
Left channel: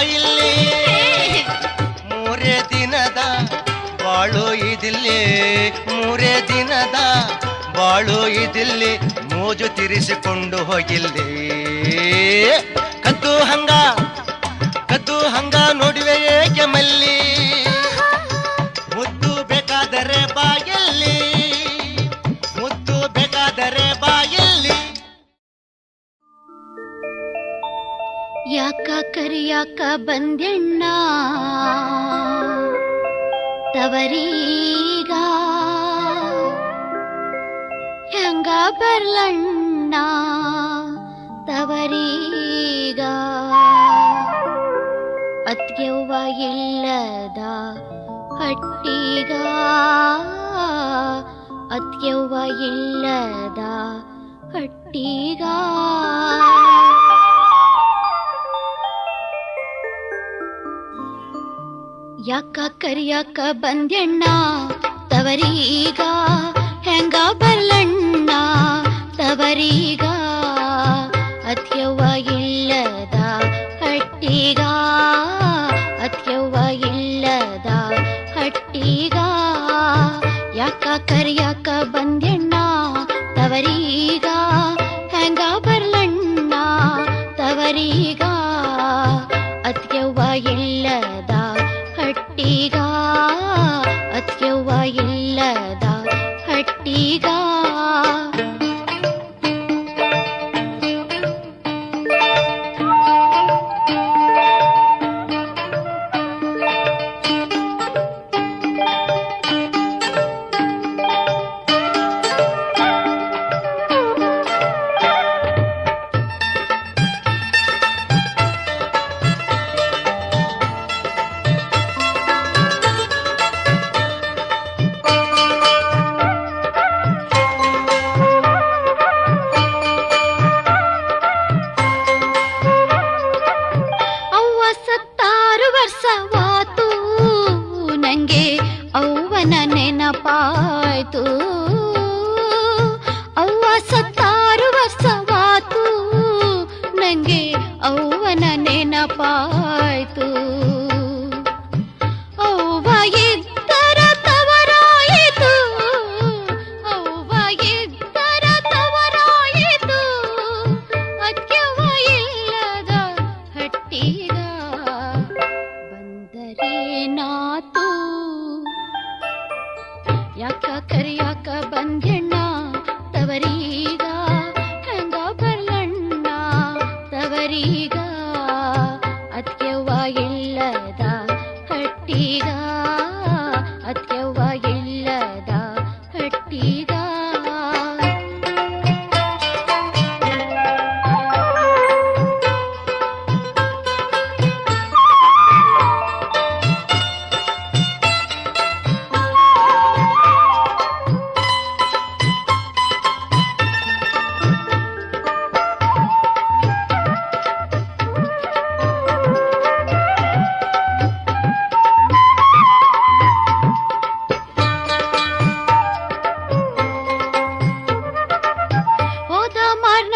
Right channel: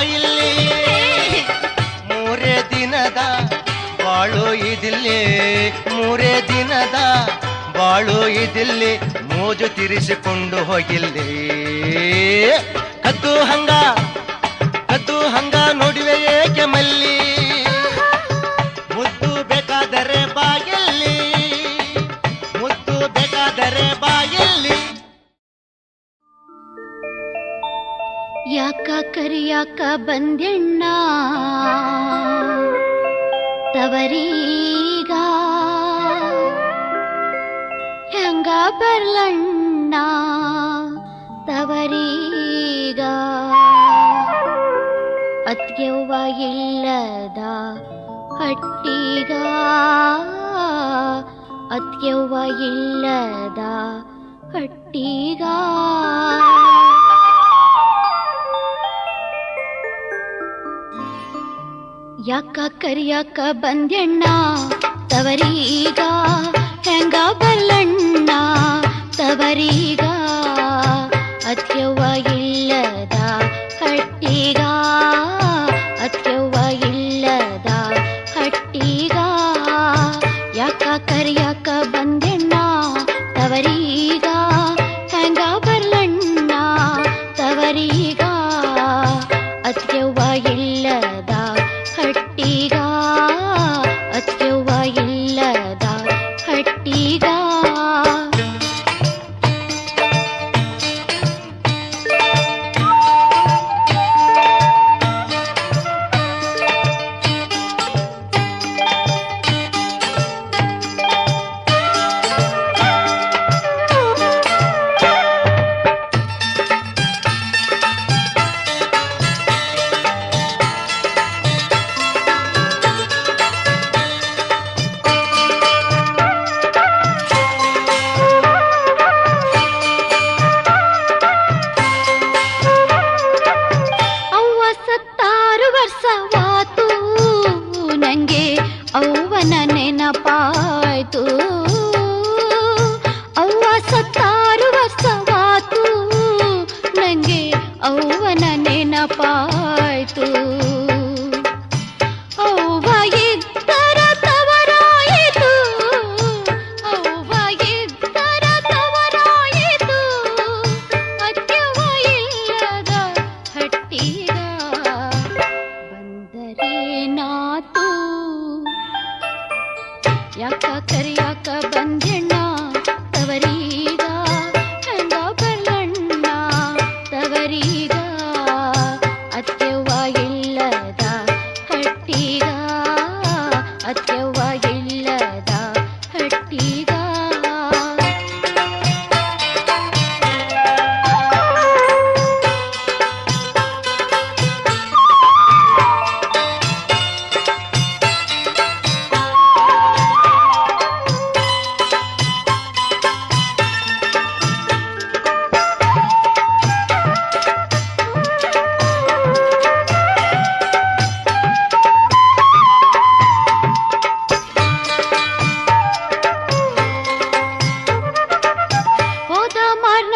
ಬಾಯಿಲ್ಲಿ ಮೂರೇ ದಿನದ ಬಾಳು ಇದಿಲ್ಲಿ ಮೂರೇ ದಿನದ ಬಾಳು ಇದಿಲ್ಲಿ ಮೋಜು ತಿರಿಸಿಕೊಂಡು ಹೋಗಿಲ್ಲಿ ಕದ್ದು ಹಂಗ ನೋಡುವೆ ಏಕೆ ಮಲ್ಲಿ ಮುದ್ದು ಬೇಕಾದರೆ ಬಾಯಲ್ಲಿ ಮುದ್ದು ಬೇಕಾದರೆ ಬಾಯಲ್ಲಿ ಯಾಕ ಕರಿಯಾಕ ಬಂದ್ಯಣ್ಣ ತವರೀಗ ಹೆಂಗ ಬರ್ಲಣ್ಣ ತವರೀಗ ಅತ್ಗೆವ್ವ ಇಲ್ಲದ ಹಟ್ಟಿಗ ಅತ್ಗೆವ್ವ ಇಲ್ಲದ ಹಟ್ಟಿಗ ಯಾಕ ಕರಿಯಾಕ ಬಂದ್ಯಣ್ಣ ತವರೀಗ ಹೆಂಗ ಬರ್ಲಣ್ಣ ತವರೀಗ ಅತ್ಯವ್ವ ಇಲ್ಲದ ಹಟ್ಟಿಗ ಅತ್ಯವ್ವ ಇಲ್ಲದ ಹಟ್ಟಿಗ ಯಾಕ ಕರಿಯಾಕ ಬಂದ್ಯಣ್ಣ ತವರೀಗ ಹೆಂಗ ಬರ್ಲಣ್ಣ ತವರೀಗ ಅತ್ಯವ್ವ ಇಲ್ಲದ ಹಟ್ಟಿಗ ಅತ್ಯವ್ವ ಇಲ್ಲದ ಹಟ್ಟಿಗ ಅವ್ವನ ನೆನಪಾಯ್ತು ಅವ್ವ ಸತ್ತಾರು ವರ್ಷವಾತು ನಂಗೆ ಅವ್ವನ ನೆನಪಾಯ್ತು ಅವ್ವ ಇದ್ದರ ತವರಾಯಿತು ಅವ್ವ ಇದ್ದರ ತವರಾಯಿತು ಅತ್ಯವ ಇಲ್ಲದ ಹಟ್ಟಿಗ ಬಂದರೆ ನಾತು ಯಾಕ ಕರಿಯಾಕ ಬಂದ್ಯಣ್ಣ ತವರೀಗ ಹೆಂಗ ಬರ್ಲಣ್ಣ ತವರೀಗ ಅತ್ಯವ್ವ ಇಲ್ಲದ ಹಟ್ಟಿಗ ಅತ್ಯವ್ವ ಇಲ್ಲದ ಹಟ್ಟಿಗ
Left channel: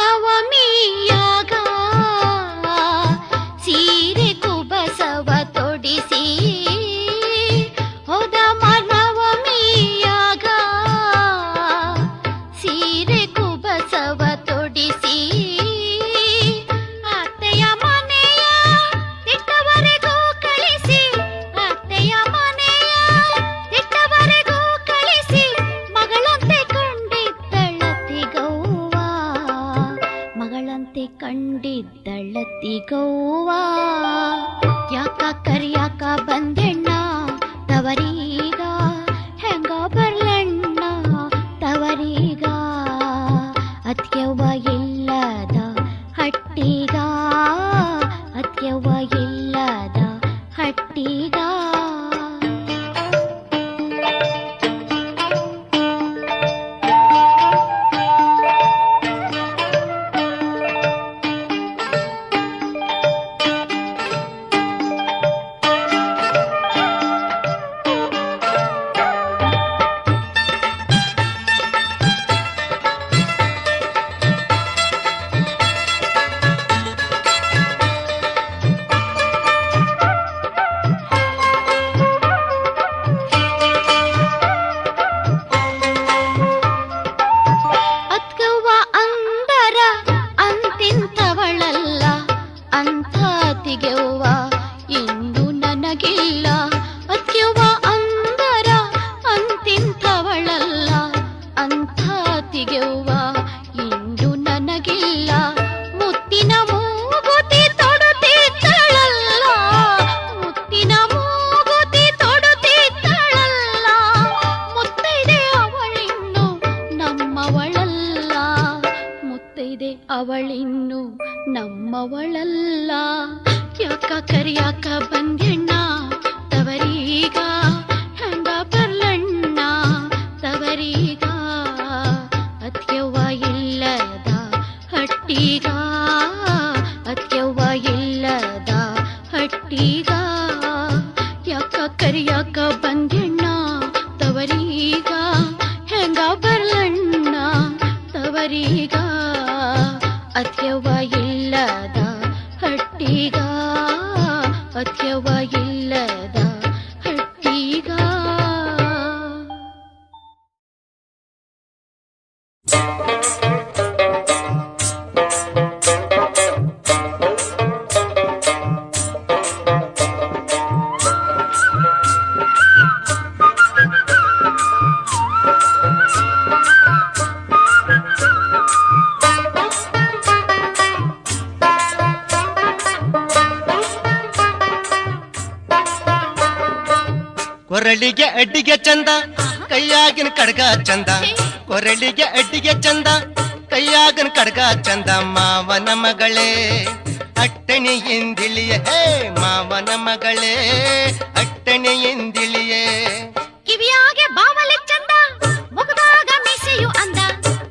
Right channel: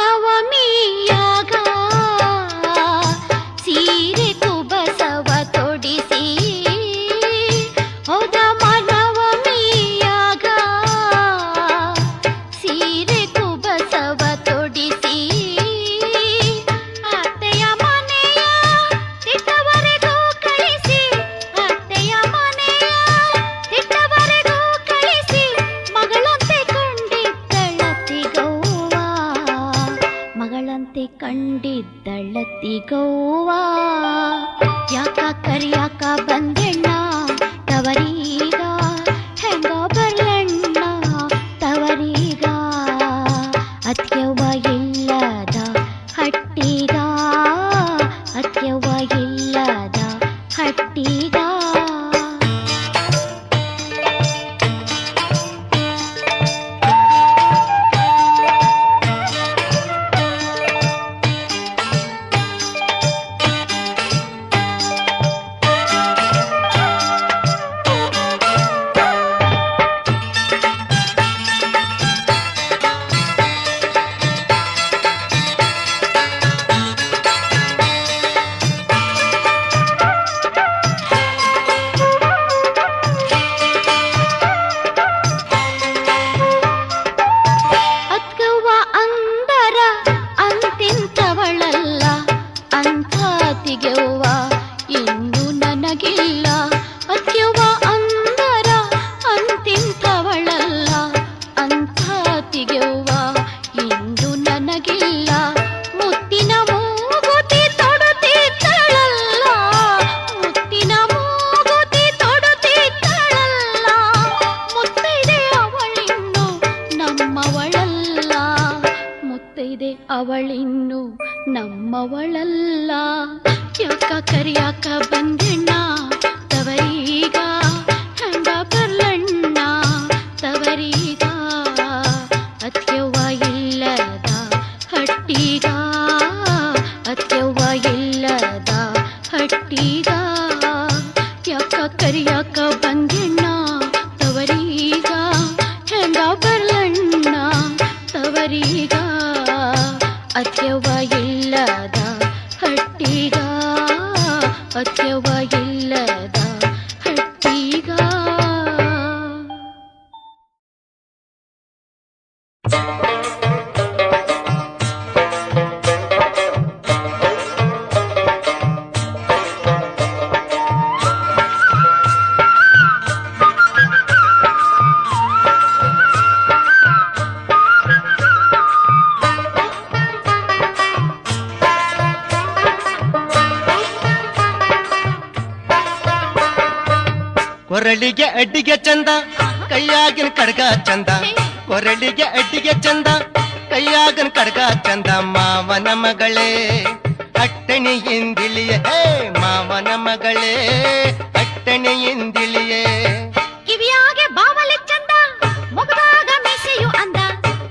ನವಮಿಯಾಗ ಸೀರೆ ಕುಬಸವ ತೊಡಿಸಿ ಹೋದ ನವಮಿಯಾಗ ಸೀರೆ ಕುಬಸವ ತೊಡಿಸಿ ಅತ್ತೆಯ ಮನೆಯ ತಿಟ್ಟವರೆಗೂ ಕಳಿಸಿ ಅತ್ತೆಯ ಮನೆಯ ತಿಟ್ಟವರೆಗೂ ಕಳಿಸಿ ಮಗಳಂತೆ ಕಂಡಿದ್ದಳತಿಗವ್ವ ಮಗಳಂತೆ ಕಂಡಿದ್ದಳತಿಗವ್ವ ಯಾಕ ಕರಿಯಾಕ ಬಂದ್ಯಣ್ಣ ತವರೀಗ ಹೆಂಗ ಬರ್ಲಣ್ಣ ತವರೀಗ ಅತ್ಯವ್ವ ಇಲ್ಲದ ಹಟ್ಟಿಗ ಅತ್ಯವ್ವ ಇಲ್ಲದ ಹಟ್ಟಿಗ ಅವಳಿನ್ನು ನಮ್ಮವಳಲ್ಲ. ಯಾಕ ಕರಿಯಾಕ ಬಂದೆಣ್ಣ ತವರೀಗ, ಹೆಂಗ ಬರ್ಲಣ್ಣ ತವರೀಗ. ಅತ್ಯವ್ವ ಇಲ್ಲದ ಹಟ್ಟಿಗ, ಅತ್ಯವ್ವ ಇಲ್ಲದ ಹಟ್ಟಿಗ. ಯಾಕ ಕರಿಯಾಕ ಬಂದೆಣ್ಣ ತವರೀಗ, ಹೆಂಗ ಬರ್ಲಣ್ಣ ತವರೀಗ. ಅತ್ಯವ್ವ ಇಲ್ಲದ ಹಟ್ಟಿಗ, ಅತ್ಯವ್ವ ಇಲ್ಲದ ಹಟ್ಟಿಗ. ಕೊರಳಿಗೆ ಅಡ್ಡಿಗೆ ಚಂದ, ಕೈಯಾಗಿನ ಕಡ್ಗ ಚಂದ. ಕೊರಳಿಗೆ ಅಡ್ಡಿಗೆ ಚಂದ, ಕೈಯಾಗಿನ ಕಡ್ಗ ಚಂದ. ಮಾವನ ಮಗಳೇ ಅಟ್ಟಣಿಯಿಂದಿಳಿಯೇ, ಹೇ ಮಾವನ ಮಗಳೇ ಅಟ್ಟಣಿಯಿಂದಿಳಿಯೇ. ಕಿವಿಯಾಗೆ ಬಾವಲಿ ಚಂದ, ಮುಗದಾಗ ಮೀಸೆಯು ಅಂದ.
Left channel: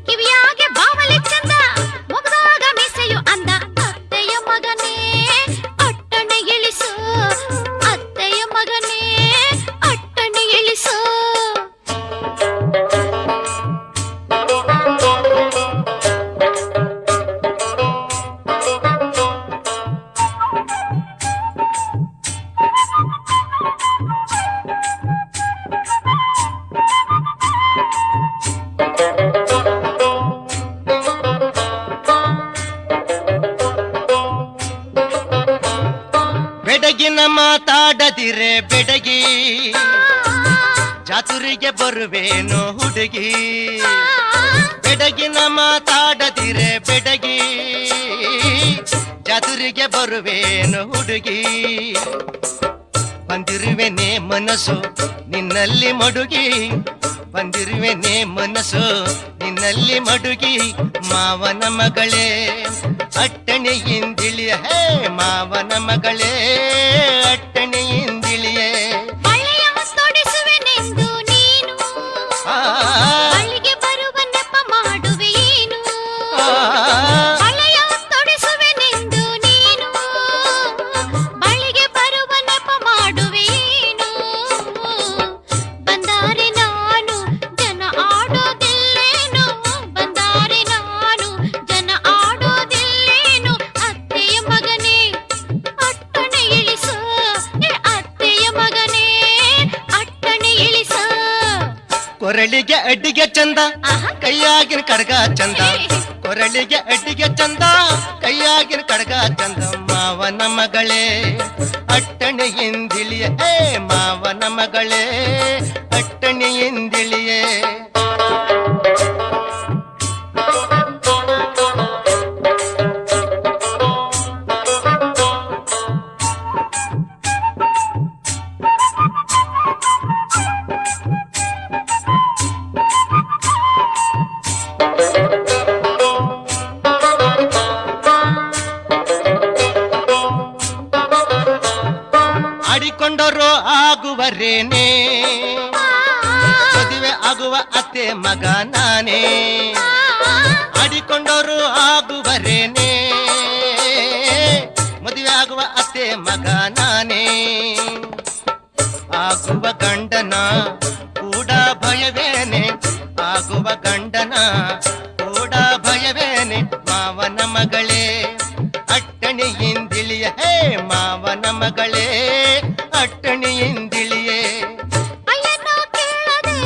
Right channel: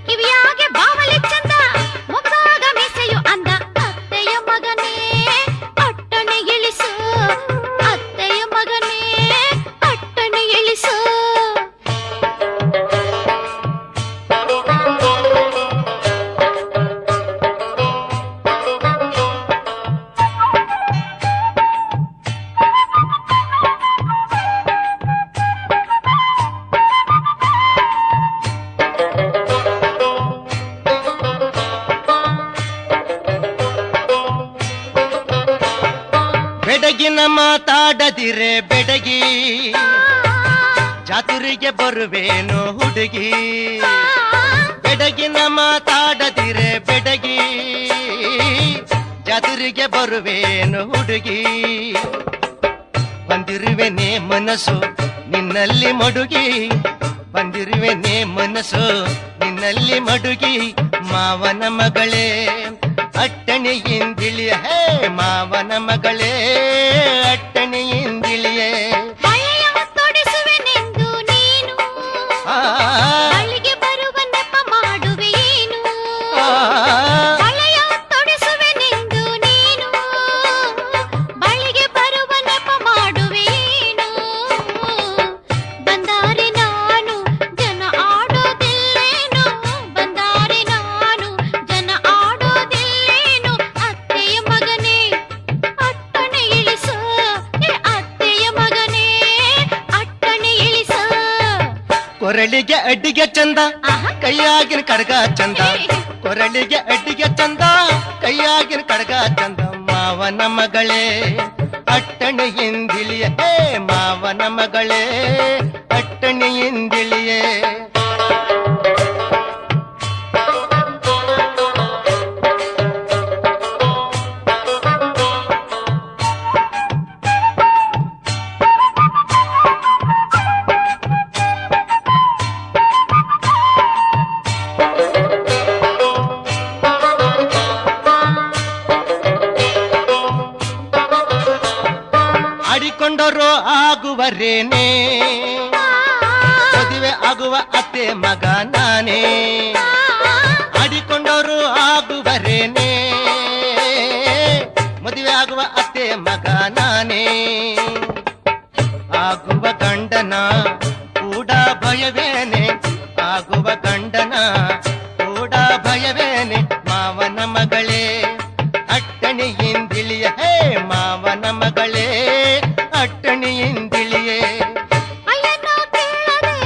ಕಿವಿಯಾಗೆ ಬಾವಲಿ ಚಂದ, ಮುಗದಾಗ ಮೀಸೆಯು ಅಂದ. ಅತ್ತೆಯ ಮಗನೇ ಅಟ್ಟಣೆ ಇಳಿಸು, ಅತ್ತೆಯ ಮಗನೇ ಅಟ್ಟಣೆ ಇಳಿಸು. ಬೆಡಗಿನ ಮಾತಾಡದಿರೆ ಬೆಡಗಿ, ಜಾತುರಿಗೆ ಬರುವೇನು ಹುಡುಗಿ. ಬೆಡಗಿನ ಮಾತಾಡದಿರೆ ಬೆಡಗಿ, ಜಾತುರಿಗೆ ಬರುವೇನು ಹುಡುಗಿ. ಬಂದಿರುವೆನೆ ಮನಸ್ಸು ನಿನ್ನಲ್ಲಿ ಮಡುಗಿ, ಬಂದಿರುವೆನೆ ಮನಸ್ಸು ನಿನ್ನಲ್ಲಿ ಮಡುಗಿ. ಮಾವನ ಮಗಳೇ ಅಟ್ಟಣಿಯಿಂದಿಳಿಯ, ಹೇ ಮಾವನ ಮಗಳೇ ಅಟ್ಟಣಿಯಿಂದಿಳಿಯೇ. ಮಳೆಯ ತೊಡಿಸುವೆನೆಂದು ನೀನು, ಬಳಿಗೆ ಬರುವ ನೆಪ ಮಾಡುವೆಯೇನು. ಮಳೆಯ ತೊಡಿಸುವೆನೆಂದು ನೀನು, ಬಳಿಗೆ ಬರುವ ನೆಪ ಮಾಡುವೆಯೇನು. ಬಂದಾರೆ ನಾನು ಜನ ಆಡೋದಿಲ್ಲೇನು, ಬಂದಾರೆ ನಾನು ಜನ ಆಡೋದಿಲ್ಲೇನು. ಅತ್ತೆಯ ಮಗನೇ ಅಟ್ಟಣೆ ಇಳಿಸು, ಅತ್ತೆಯ ಮಗನೇ ಅಟ್ಟಣೆ ಇಳಿಸು. ಕೊರಳಿಗೆ ಅಡ್ಡಿಗೆ ಚಂದ, ಕೈಯಾಗಿನ ಕಡ್ಗ ಚಂದ. ಕೊರಳಿಗೆ ಅಡ್ಡಿಗೆ ಚಂದ, ಕೈಯಾಗಿನ ಕಡ್ಗ ಚಂದ. ಮಾವನ ಮಗಳೇ ಅಟ್ಟಣಿಯಿಂದಿಳಿಯೇ, ಹೇ ಮಾವನ ಮಗಳೇ ಅಟ್ಟಣಿಯಿಂದಿಳಿಯೇ. ಆಡಿಕೊಂಡರು ಆಗುವರೇನೆ, ಮದುವೆ ಆಗುವ ಅತ್ತೆ ಮಗ ನಾನೇ. ಆಡಿಕೊಂಡರು ಆಗುವರೇನೆ, ಮದುವೆ ಆಗುವ ಅತ್ತೆ ಮಗ ನಾನೇ. ಆಗುವ ಗಂಡನ ಕೂಡ ಭಯವೇನೆ, ಆಗುವ ಗಂಡನ ಕೂಡ ಭಯವೇನೆ. ಮಾವನ ಮಗಳೇ ಅಟ್ಟಣಿಯಿಂದಿಳಿಯ, ಹೇ ಮಾವನ ಮಗಳೇ ಅಟ್ಟಣಿಯಿಂದಿಳಿಯೇ. ಅಯ್ಯನ ಕೇಳದೆ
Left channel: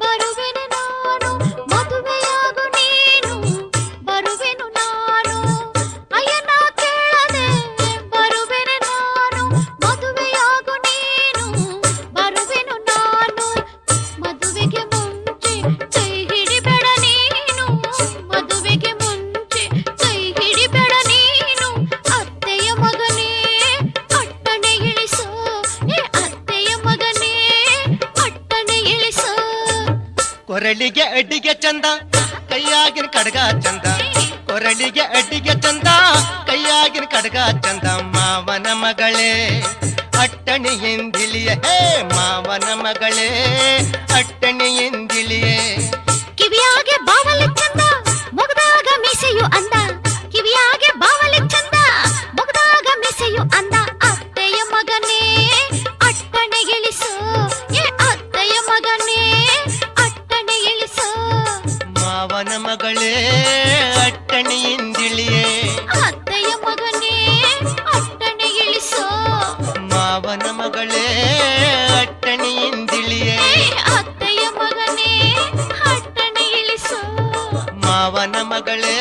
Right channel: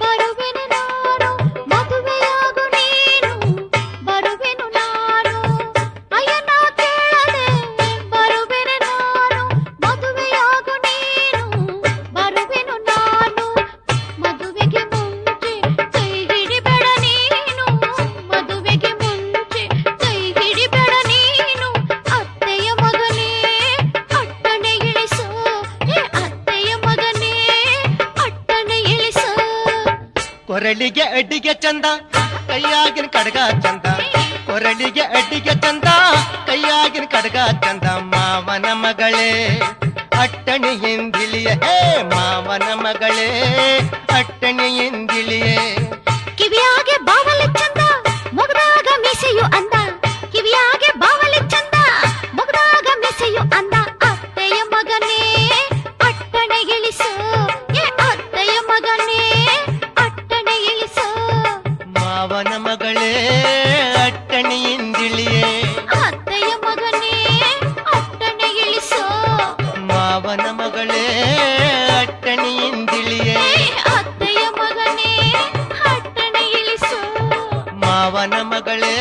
ಬರುವೆನು ನಾನು, ಮದುವೆಯಾಗು ನೀನು ಬರುವೆನು ನಾನು. ಅಯ್ಯನ ಕೇಳದೆ ಬರುವೆನು ನಾನು, ಮದುವೆಯಾಗು ನೀನು ಬರುವೆನು ನಾನು. ಮದುವೆಗೆ ಮುಂಚೆ ಕೈ ಹಿಡಿಬೇಡ ನೀನು, ಮದುವೆಗೆ ಮುಂಚೆ ಕೈ ಹಿಡಿಬೇಡ ನೀನು. ಅತ್ತೆಯ ಮಗನೇ ಅಟ್ಟಣೆ ಇಳಿಸು, ಅತ್ತೆಯ ಮಗನೇ ಅಟ್ಟಣೆ ಇಳಿಸು. ಕೊರಳಿಗೆ ಅಡ್ಡಿಗೆ ಚಂದ, ಕೈಯಾಗಿನ ಕಡ್ಗ ಚಂದ. ಕೊರಳಿಗೆ ಅಡ್ಡಿಗೆ ಚಂದ ಕೈಯಾಗಿನ ಕಡಗ ಚಂದ ಮಾವನ ಮಗಳೇ ಅಟ್ಟಣಿ ಎಂದಿಳಿಯ ಹೇ ಮಾವನ ಮಗಳೇ ಅಟ್ಟಣಿ ಎಂದಿಳಿಯೇ ಕಿವಿಯಾಗೆ ಬಾವಲಿ ಚಂದ ಮೊಗದಾಗ ಮೀಸೆಯು ಅಂದ ಕಿವಿಯಾಗೆ ಬಾವಲಿ ಚಂದ ಮೊಗದಾಗ ಮೀಸೆಯು ಅಂದ ಅತ್ತೆಯ ಮಗನೇ ಅಟ್ಟಣೆ ಇಳಿಸು ಏ ಅತ್ತೆಯ ಮಗನೇ ಅಟ್ಟಣೆ ಇಳಿಸು ಮಾವನ ಮಗಳೇ ಅಟ್ಟಣಿ ಎಂದಿಳಿಯೇ ಅತ್ತೆಯ ಮಗನೇ ಅಟ್ಟಣೆ ಇಳಿಸು ಮಾವನ ಮಗಳೇ ಅಟ್ಟಣಿ ಎಂದಿಳಿಯೇ ಅತ್ತೆಯ ಮಗನೇ ಅಟ್ಟಣೆ ಇಳಿಸು ಮಾವನ ಮಗಳೇ